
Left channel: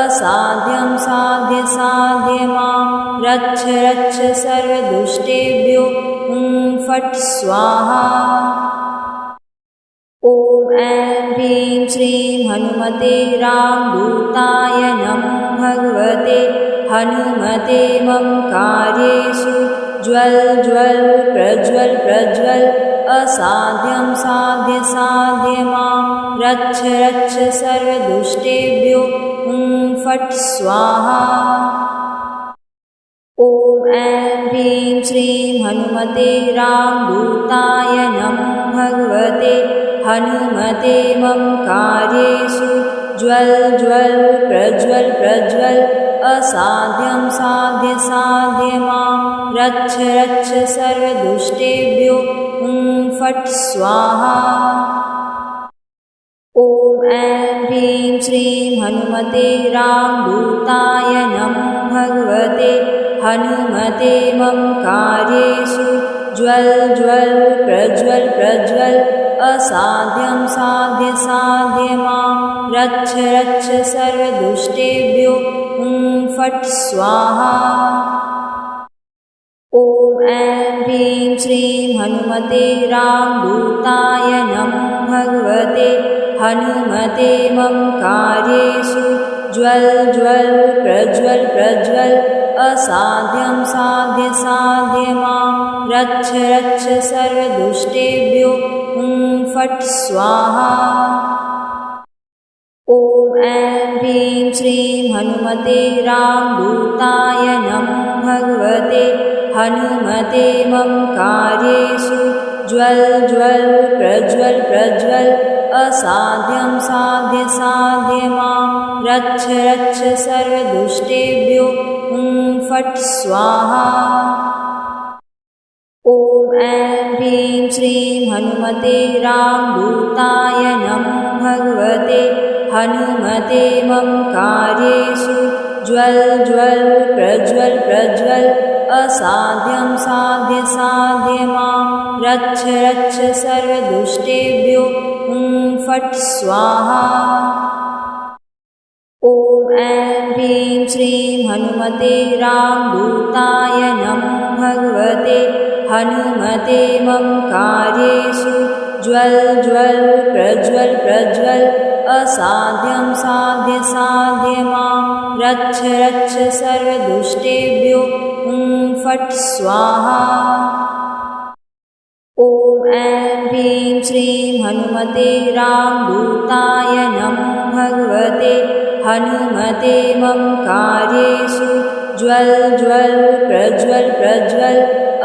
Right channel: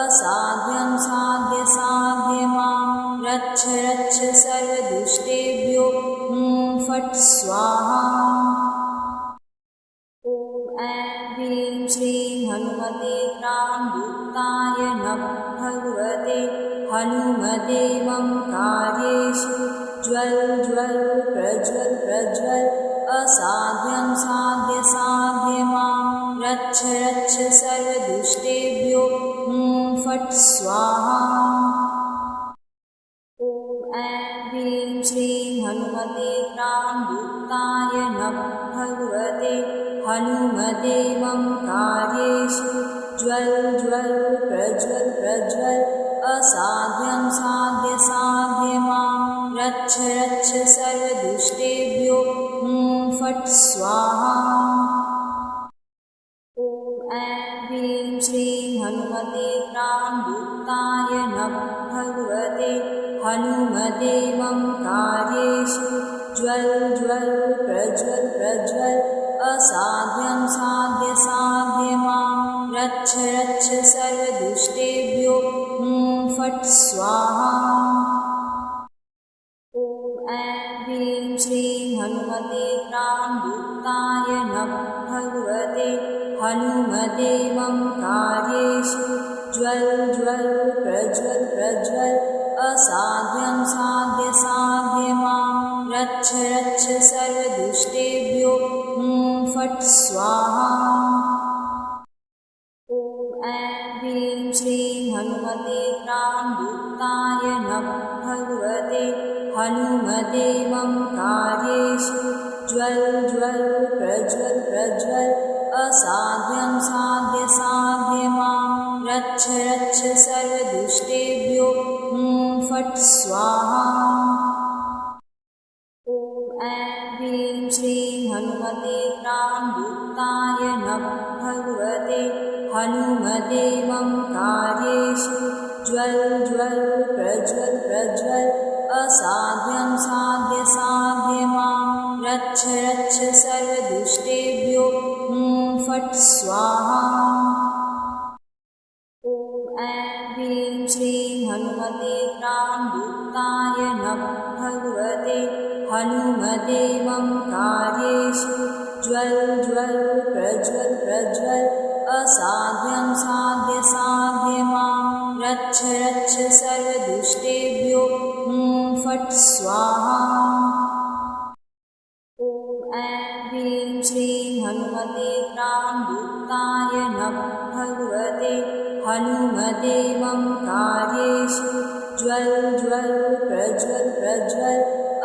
असाध्यं साध्य साध्य मां रक्ष रक्ष सर्वदुष्टेभ्यो फट् स्वाहा। ॐ ऐं ह्रीं श्रीं हनुमते रामदूताय नमो भगवते हनुमते मम कार्येषु ज्वल ज्वल प्रज्वल प्रज्वल असाध्यं साध्य साध्य मां रक्ष रक्ष सर्वदुष्टेभ्यो फट् स्वाहा। ॐ ऐं ह्रीं श्रीं हनुमते रामदूताय नमो भगवते हनुमते मम कार्येषु ज्वल ज्वल प्रज्वल प्रज्वल असाध्यं साध्य साध्य मां रक्ष रक्ष सर्वदुष्टेभ्यो फट् स्वाहा। ॐ ऐं ह्रीं श्रीं हनुमते रामदूताय नमो भगवते हनुमते मम कार्येषु ज्वल ज्वल प्रज्वल प्रज्वल असाध्यं साध्य साध्य मां रक्ष रक्ष सर्वदुष्टेभ्यो फट् स्वाहा। ॐ ऐं ह्रीं श्रीं हनुमते रामदूताय नमो भगवते हनुमते मम कार्येषु ज्वल ज्वल प्रज्वल प्रज्वल असाध्यं साध्य साध्य मां रक्ष रक्ष सर्वदुष्टेभ्यो फट् स्वाहा। ॐ ऐं ह्रीं श्रीं हनुमते रामदूताय नमो भगवते हनुमते मम कार्येषु ज्वल ज्वल प्रज्वल प्रज्वल असाध्यं साध्य साध्य मां रक्ष रक्ष सर्वदुष्टेभ्यो फट् स्वाहा। ॐ ऐं ह्रीं श्रीं हनुमते रामदूताय नमो भगवते हनुमते मम कार्येषु ज्वल ज्वल प्रज्वल प्रज्वल असाध्यं साध्य साध्य मां रक्ष रक्ष सर्वदुष्टेभ्यो फट् स्वाहा। ॐ ऐं ह्रीं श्रीं हनुमते रामदूताय नमो भगवते हनुमते मम कार्येषु ज्वल ज्वल प्रज्वल प्रज्वल असाध्यं साध्य साध्य मां रक्ष रक्ष सर्वदुष्टेभ्यो फट् स्वाहा। ॐ ऐं ह्रीं श्रीं हनुमते रामदूताय नमो भगवते हनुमते मम कार्येषु ज्वल ज्वल प्रज्वल प्रज्वल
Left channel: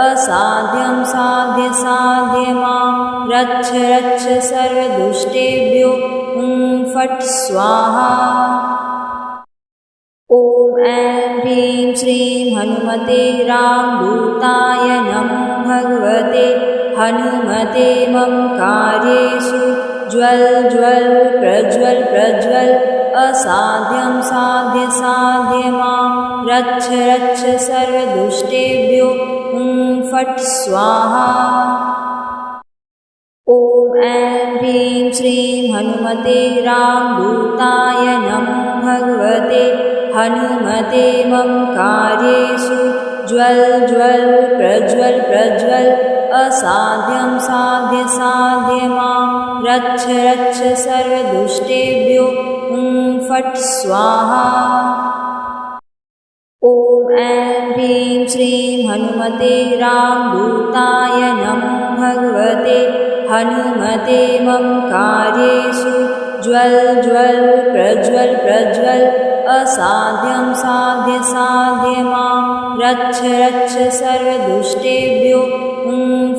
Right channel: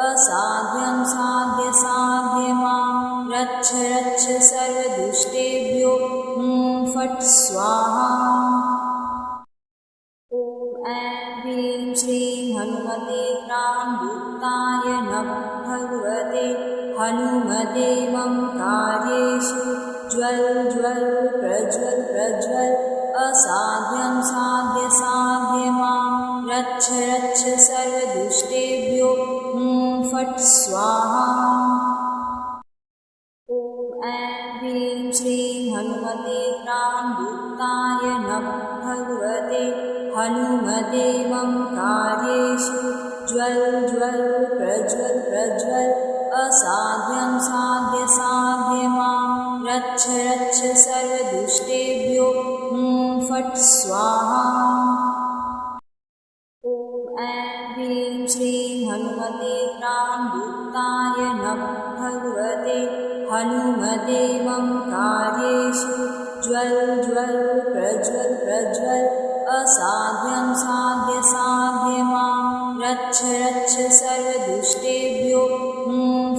असाध्यं साध्य साध्य मां रक्ष रक्ष सर्वदुष्टेभ्यो फट् स्वाहा। ॐ ऐं ह्रीं श्रीं हनुमते रामदूताय नमो भगवते हनुमते मम कार्येषु ज्वल ज्वल प्रज्वल प्रज्वल असाध्यं साध्य साध्य मां रक्ष रक्ष सर्वदुष्टेभ्यो फट् स्वाहा। ॐ ऐं ह्रीं श्रीं हनुमते रामदूताय नमो भगवते हनुमते मम कार्येषु ज्वल ज्वल प्रज्वल प्रज्वल असाध्यं साध्य साध्य मां रक्ष रक्ष सर्वदुष्टेभ्यो फट् स्वाहा। ॐ ऐं ह्रीं श्रीं हनुमते रामदूताय नमो भगवते हनुमते मम कार्येषु ज्वल ज्वल प्रज्वल प्रज्वल असाध्यं साध्य साध्य मां रक्ष रक्ष सर्वदुष्टेभ्यो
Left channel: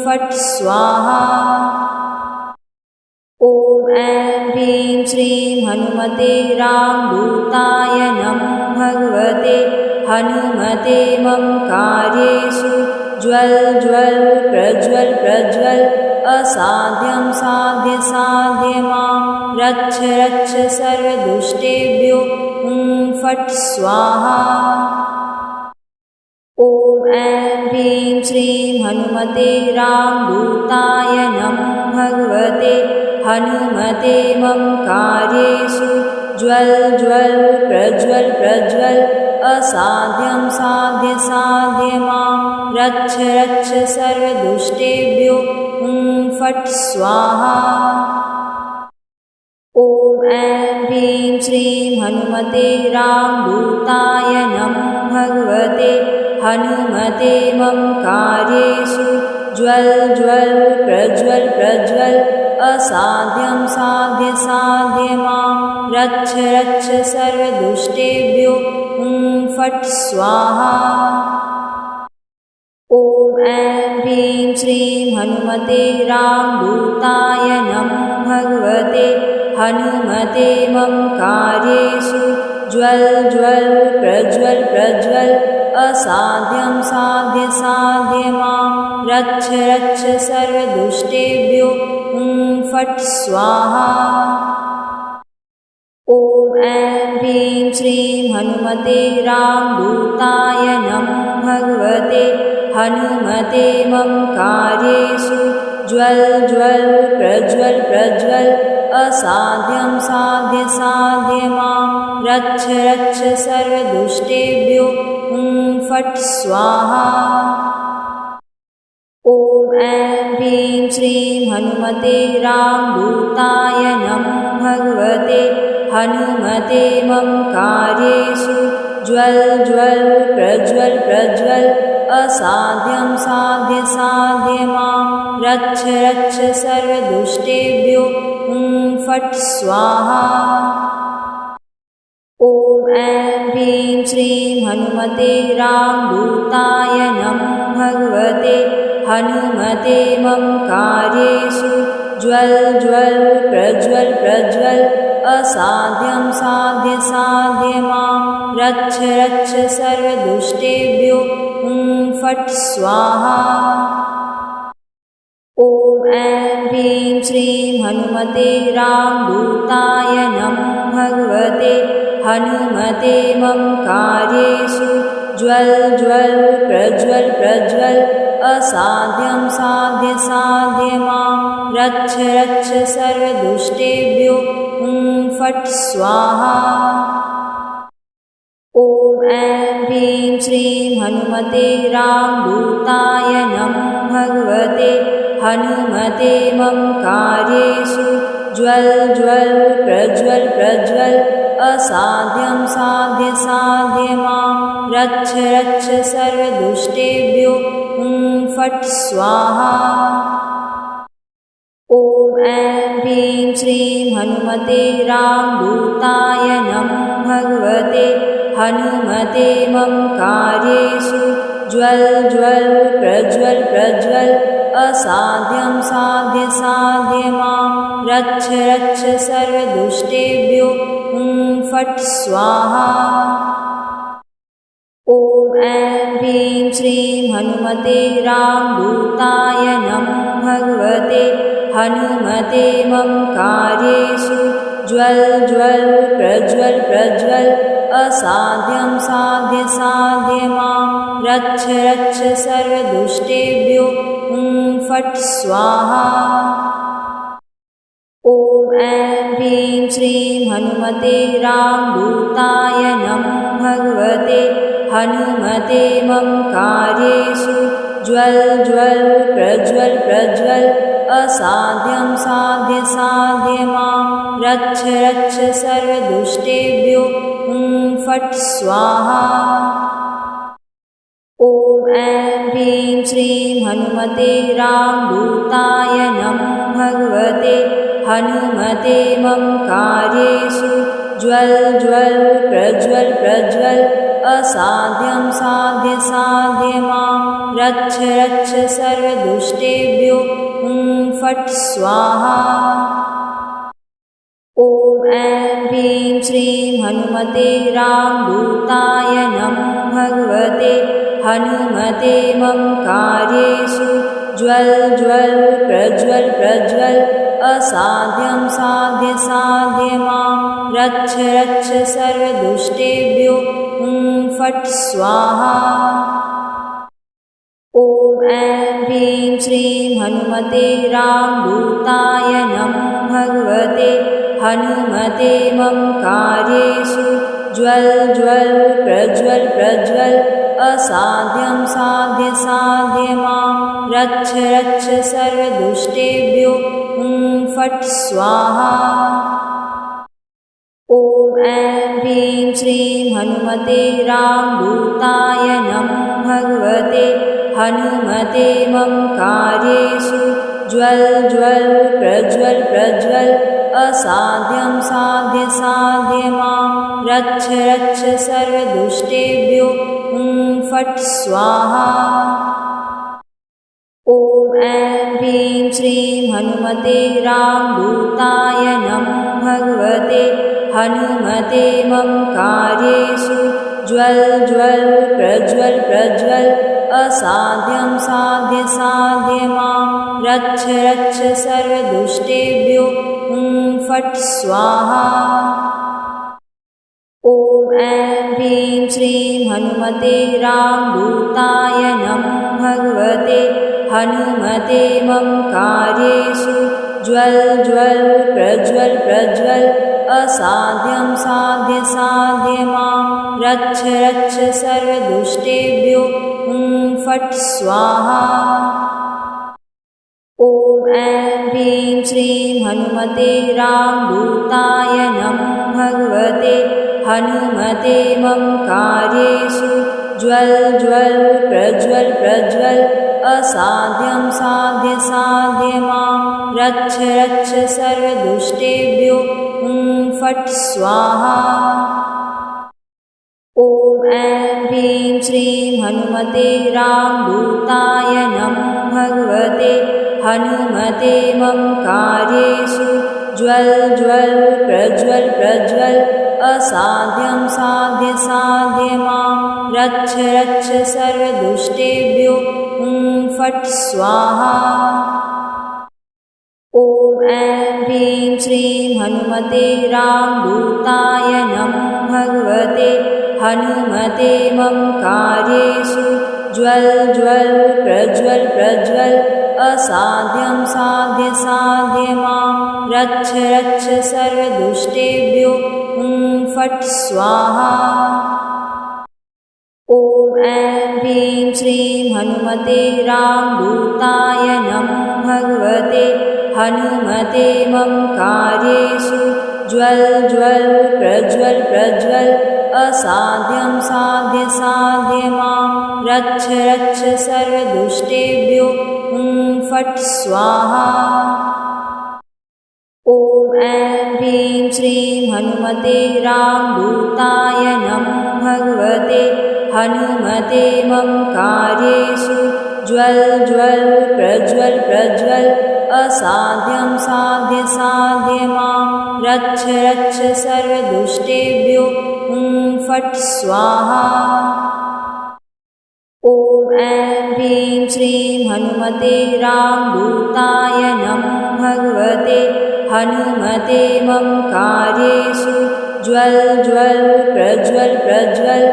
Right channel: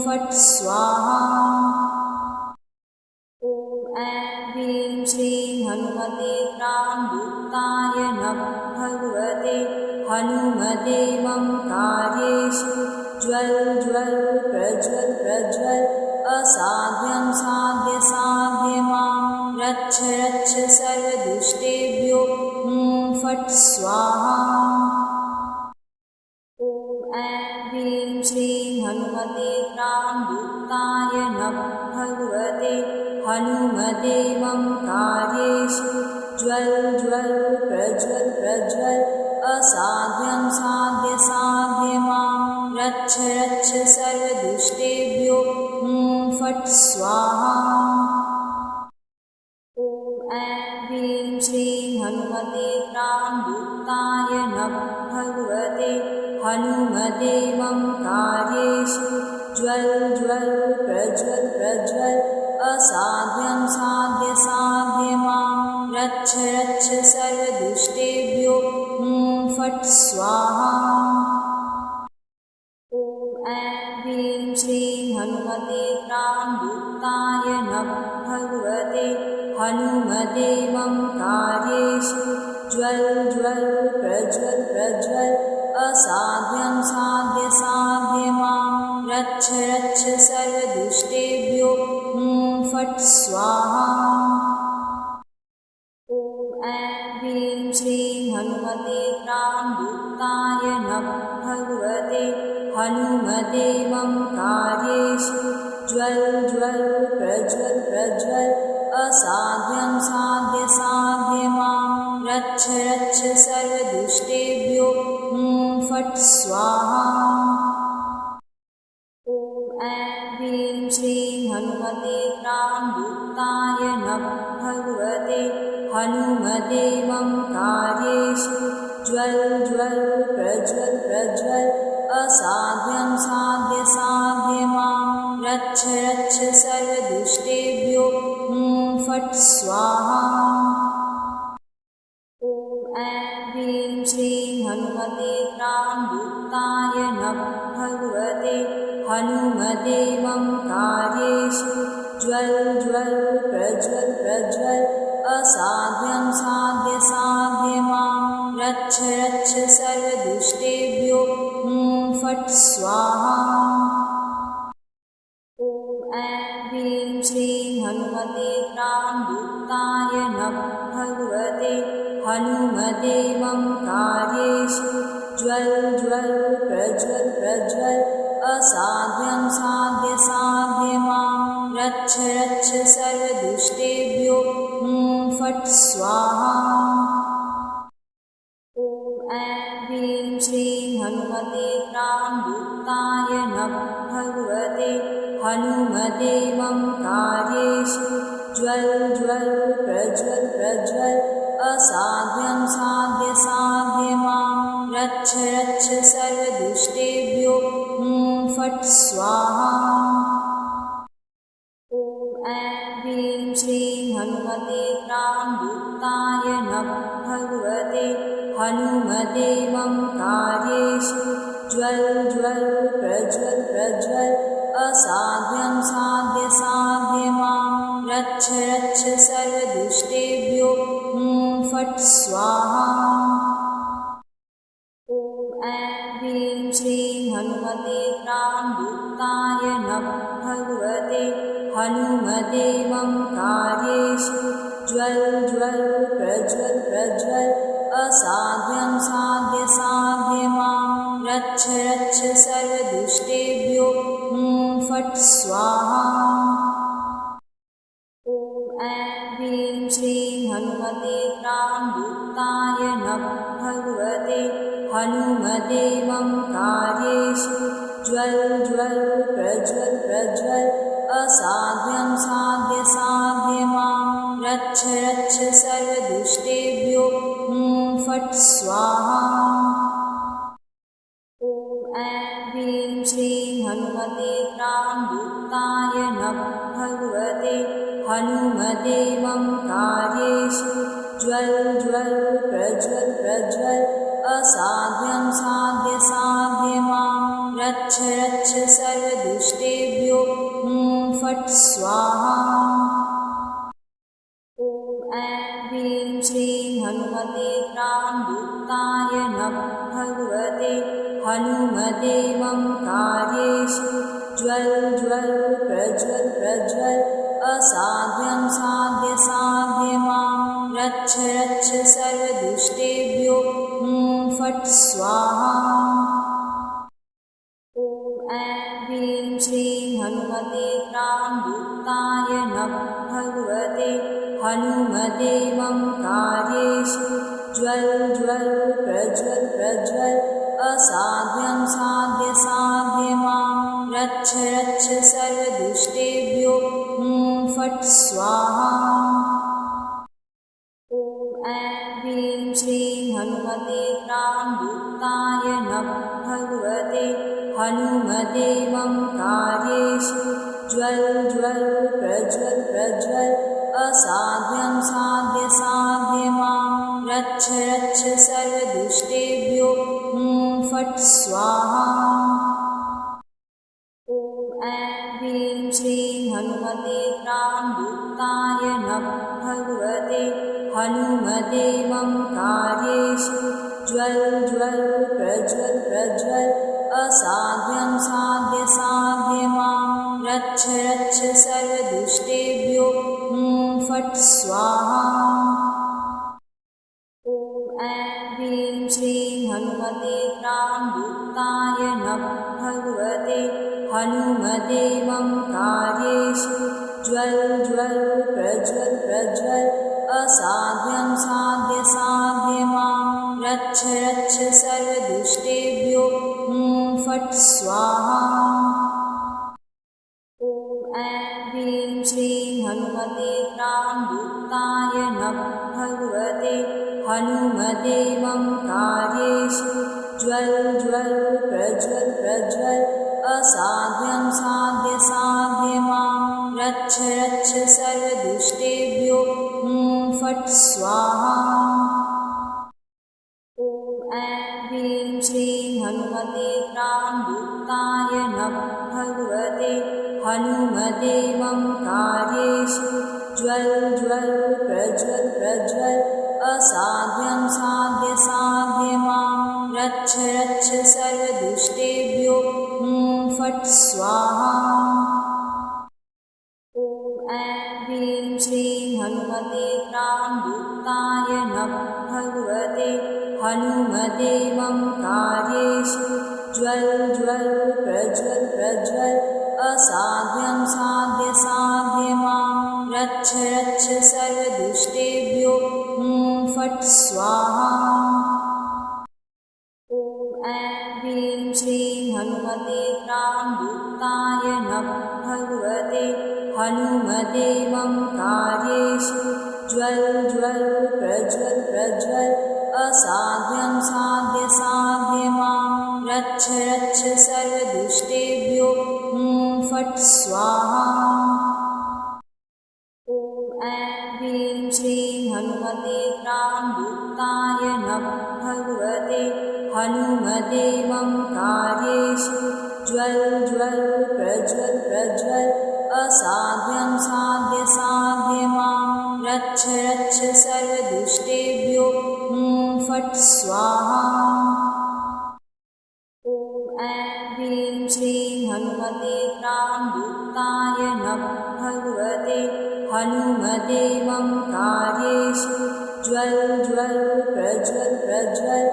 फट् स्वाहा। ॐ ऐं ह्रीं श्रीं हनुमते रामदूताय नमो भगवते हनुमते मम कार्येषु ज्वल ज्वल प्रज्वल प्रज्वल असाध्यं साध्य साध्य मां रक्ष रक्ष सर्वदुष्टेभ्यो फट् स्वाहा। ॐ ऐं ह्रीं श्रीं हनुमते रामदूताय नमः। भगवते हनुमते मम कार्येषु ज्वल ज्वल प्रज्वल प्रज्वल असाध्यं साध्य साध्य मां रक्ष रक्ष सर्वदुष्टेभ्यो हुं फट् स्वाहा। ॐ ऐं ह्रीं श्रीं हनुमते रामदूताय नमः। भगवते हनुमते मम कार्येषु ज्वल ज्वल प्रज्वल प्रज्वल असाध्यं साध्य साध्य मां रक्ष रक्ष सर्वदुष्टेभ्यो हुं फट् स्वाहा। ॐ ऐं ह्रीं श्रीं हनुमते रामदूताय नमः। भगवते हनुमते मम कार्येषु ज्वल ज्वल प्रज्वल प्रज्वल असाध्यं साध्य साध्य मां रक्ष रक्ष सर्वदुष्टेभ्यो हुं फट् स्वाहा। ॐ ऐं ह्रीं श्रीं हनुमते रामदूताय नमः। भगवते हनुमते मम कार्येषु ज्वल ज्वल प्रज्वल प्रज्वल असाध्यं साध्य साध्य मां रक्ष रक्ष सर्वदुष्टेभ्यो हुं फट् स्वाहा। ॐ ऐं ह्रीं श्रीं हनुमते रामदूताय नमः। भगवते हनुमते मम कार्येषु ज्वल ज्वल प्रज्वल प्रज्वल असाध्यं साध्य साध्य मां रक्ष रक्ष सर्वदुष्टेभ्यो हुं फट् स्वाहा। ॐ ऐं ह्रीं श्रीं हनुमते रामदूताय नमः। भगवते हनुमते मम कार्येषु ज्वल ज्वल प्रज्वल प्रज्वल असाध्यं साध्य साध्य मां रक्ष रक्ष सर्वदुष्टेभ्यो हुं फट् स्वाहा। ॐ ऐं ह्रीं श्रीं हनुमते रामदूताय नमः। भगवते हनुमते मम कार्येषु ज्वल ज्वल प्रज्वल प्रज्वल असाध्यं साध्य साध्य मां रक्ष रक्ष सर्वदुष्टेभ्यो हुं फट् स्वाहा। ॐ ऐं ह्रीं श्रीं हनुमते रामदूताय नमः। भगवते हनुमते मम कार्येषु ज्वल ज्वल प्रज्वल प्रज्वल असाध्यं साध्य साध्य मां रक्ष रक्ष सर्वदुष्टेभ्यो हुं फट् स्वाहा। ॐ ऐं ह्रीं श्रीं हनुमते रामदूताय नमः। भगवते हनुमते मम कार्येषु ज्वल ज्वल प्रज्वल प्रज्वल असाध्यं साध्य साध्य मां रक्ष रक्ष सर्वदुष्टेभ्यो हुं फट् स्वाहा। ॐ ऐं ह्रीं श्रीं हनुमते रामदूताय नमः। भगवते हनुमते मम कार्येषु ज्वल ज्वल प्रज्वल प्रज्वल असाध्यं साध्य साध्य मां रक्ष रक्ष सर्वदुष्टेभ्यो हुं फट् स्वाहा। ॐ ऐं ह्रीं श्रीं हनुमते रामदूताय नमः। भगवते हनुमते मम कार्येषु ज्वल ज्वल प्रज्वल प्रज्वल असाध्यं साध्य साध्य मां रक्ष रक्ष सर्वदुष्टेभ्यो हुं फट् स्वाहा। ॐ ऐं ह्रीं श्रीं हनुमते रामदूताय नमः। भगवते हनुमते मम कार्येषु ज्वल ज्वल प्रज्वल प्रज्वल असाध्यं साध्य साध्य मां रक्ष रक्ष सर्वदुष्टेभ्यो हुं फट् स्वाहा। ॐ ऐं ह्रीं श्रीं हनुमते रामदूताय नमः। भगवते हनुमते मम कार्येषु ज्वल ज्वल प्रज्वल प्रज्वल असाध्यं साध्य साध्य मां रक्ष रक्ष सर्वदुष्टेभ्यो हुं फट् स्वाहा। हनुमते मम कार्येषु ज्वल ज्वल प्रज्वल प्रज्वल असाध्यं साध्य साध्यमां रक्ष रक्ष सर्वदुष्टेभ्यो फट् स्वाहा। ॐ ऐं ह्रीं श्रीं हनुमते रामदूताय नमः भगवते हनुमते मम कार्येषु ज्वल ज्वल प्रज्वल प्रज्वल असाध्यं साध्य साध्यमां रक्ष रक्ष सर्वदुष्टेभ्यो फट् स्वाहा। ॐ ऐं ह्रीं श्रीं हनुमते रामदूताय नमः भगवते हनुमते मम कार्येषु ज्वल ज्वल प्रज्वल प्रज्वल असाध्यं साध्य साध्यमां रक्ष रक्ष सर्वदुष्टेभ्यो फट् स्वाहा। ॐ ऐं ह्रीं श्रीं हनुमते रामदूताय नमः भगवते हनुमते मम कार्येषु ज्वल ज्वल प्रज्वल प्रज्वल असाध्यं साध्य साध्यमां रक्ष रक्ष सर्वदुष्टेभ्यो फट् स्वाहा। ॐ ऐं ह्रीं श्रीं हनुमते रामदूताय नमः भगवते हनुमते मम कार्येषु ज्वल ज्वल प्रज्वल प्रज्वल असाध्यं साध्य साध्यमां रक्ष रक्ष सर्वदुष्टेभ्यो फट् स्वाहा। ॐ ऐं ह्रीं श्रीं हनुमते रामदूताय नमः भगवते हनुमते मम कार्येषु ज्वल ज्वल प्रज्वल प्रज्वल असाध्यं साध्य साध्यमां रक्ष रक्ष सर्वदुष्टेभ्यो फट् स्वाहा। ॐ ऐं ह्रीं श्रीं हनुमते रामदूताय नमः भगवते हनुमते मम कार्येषु ज्वल ज्वल प्रज्वल प्रज्वल असाध्यं साध्य साध्यमां रक्ष रक्ष सर्वदुष्टेभ्यो फट् स्वाहा। ॐ ऐं ह्रीं श्रीं हनुमते रामदूताय नमः भगवते हनुमते मम कार्येषु ज्वल ज्वल प्रज्वल प्रज्वल असाध्यं साध्य साध्यमां रक्ष रक्ष सर्वदुष्टेभ्यो फट् स्वाहा। ॐ ऐं ह्रीं श्रीं हनुमते रामदूताय नमः भगवते हनुमते मम कार्येषु ज्वल ज्वल प्रज्वल प्रज्वल असाध्यं साध्य साध्यमां रक्ष रक्ष सर्वदुष्टेभ्यो फट् स्वाहा। ॐ ऐं ह्रीं श्रीं हनुमते रामदूताय नमः भगवते हनुमते मम कार्येषु ज्वल ज्वल प्रज्वल प्रज्वल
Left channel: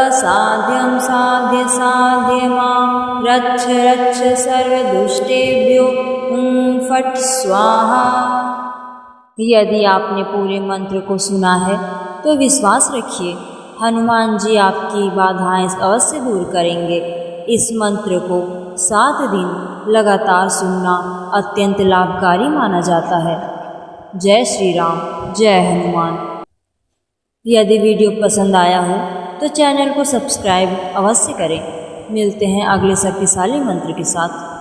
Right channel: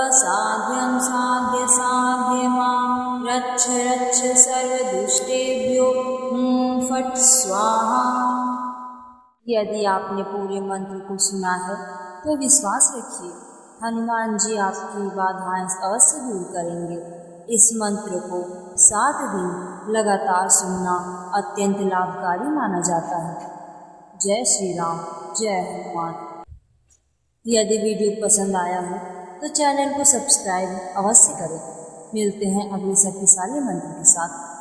असाध्यं साध्य साध्यमां रक्ष रक्ष सर्वदुष्टेभ्यो फट् स्वाहा। यदि आपने पूरे मंत्र को सुना है तो विश्वास रखिए हनुमान जी आपकी बाधाएं अवश्य दूर करेंगे। इस मंत्र को 7 दिन लगातार सुनना अत्यंत लाभकारी माना जाता है। जय श्री राम, जय हनुमान। यदि वीडियो पसंद आया हो तो चैनल को सब्सक्राइब अवश्य करें। मिलते हैं अगले शक्तिशाली मंत्र के साथ।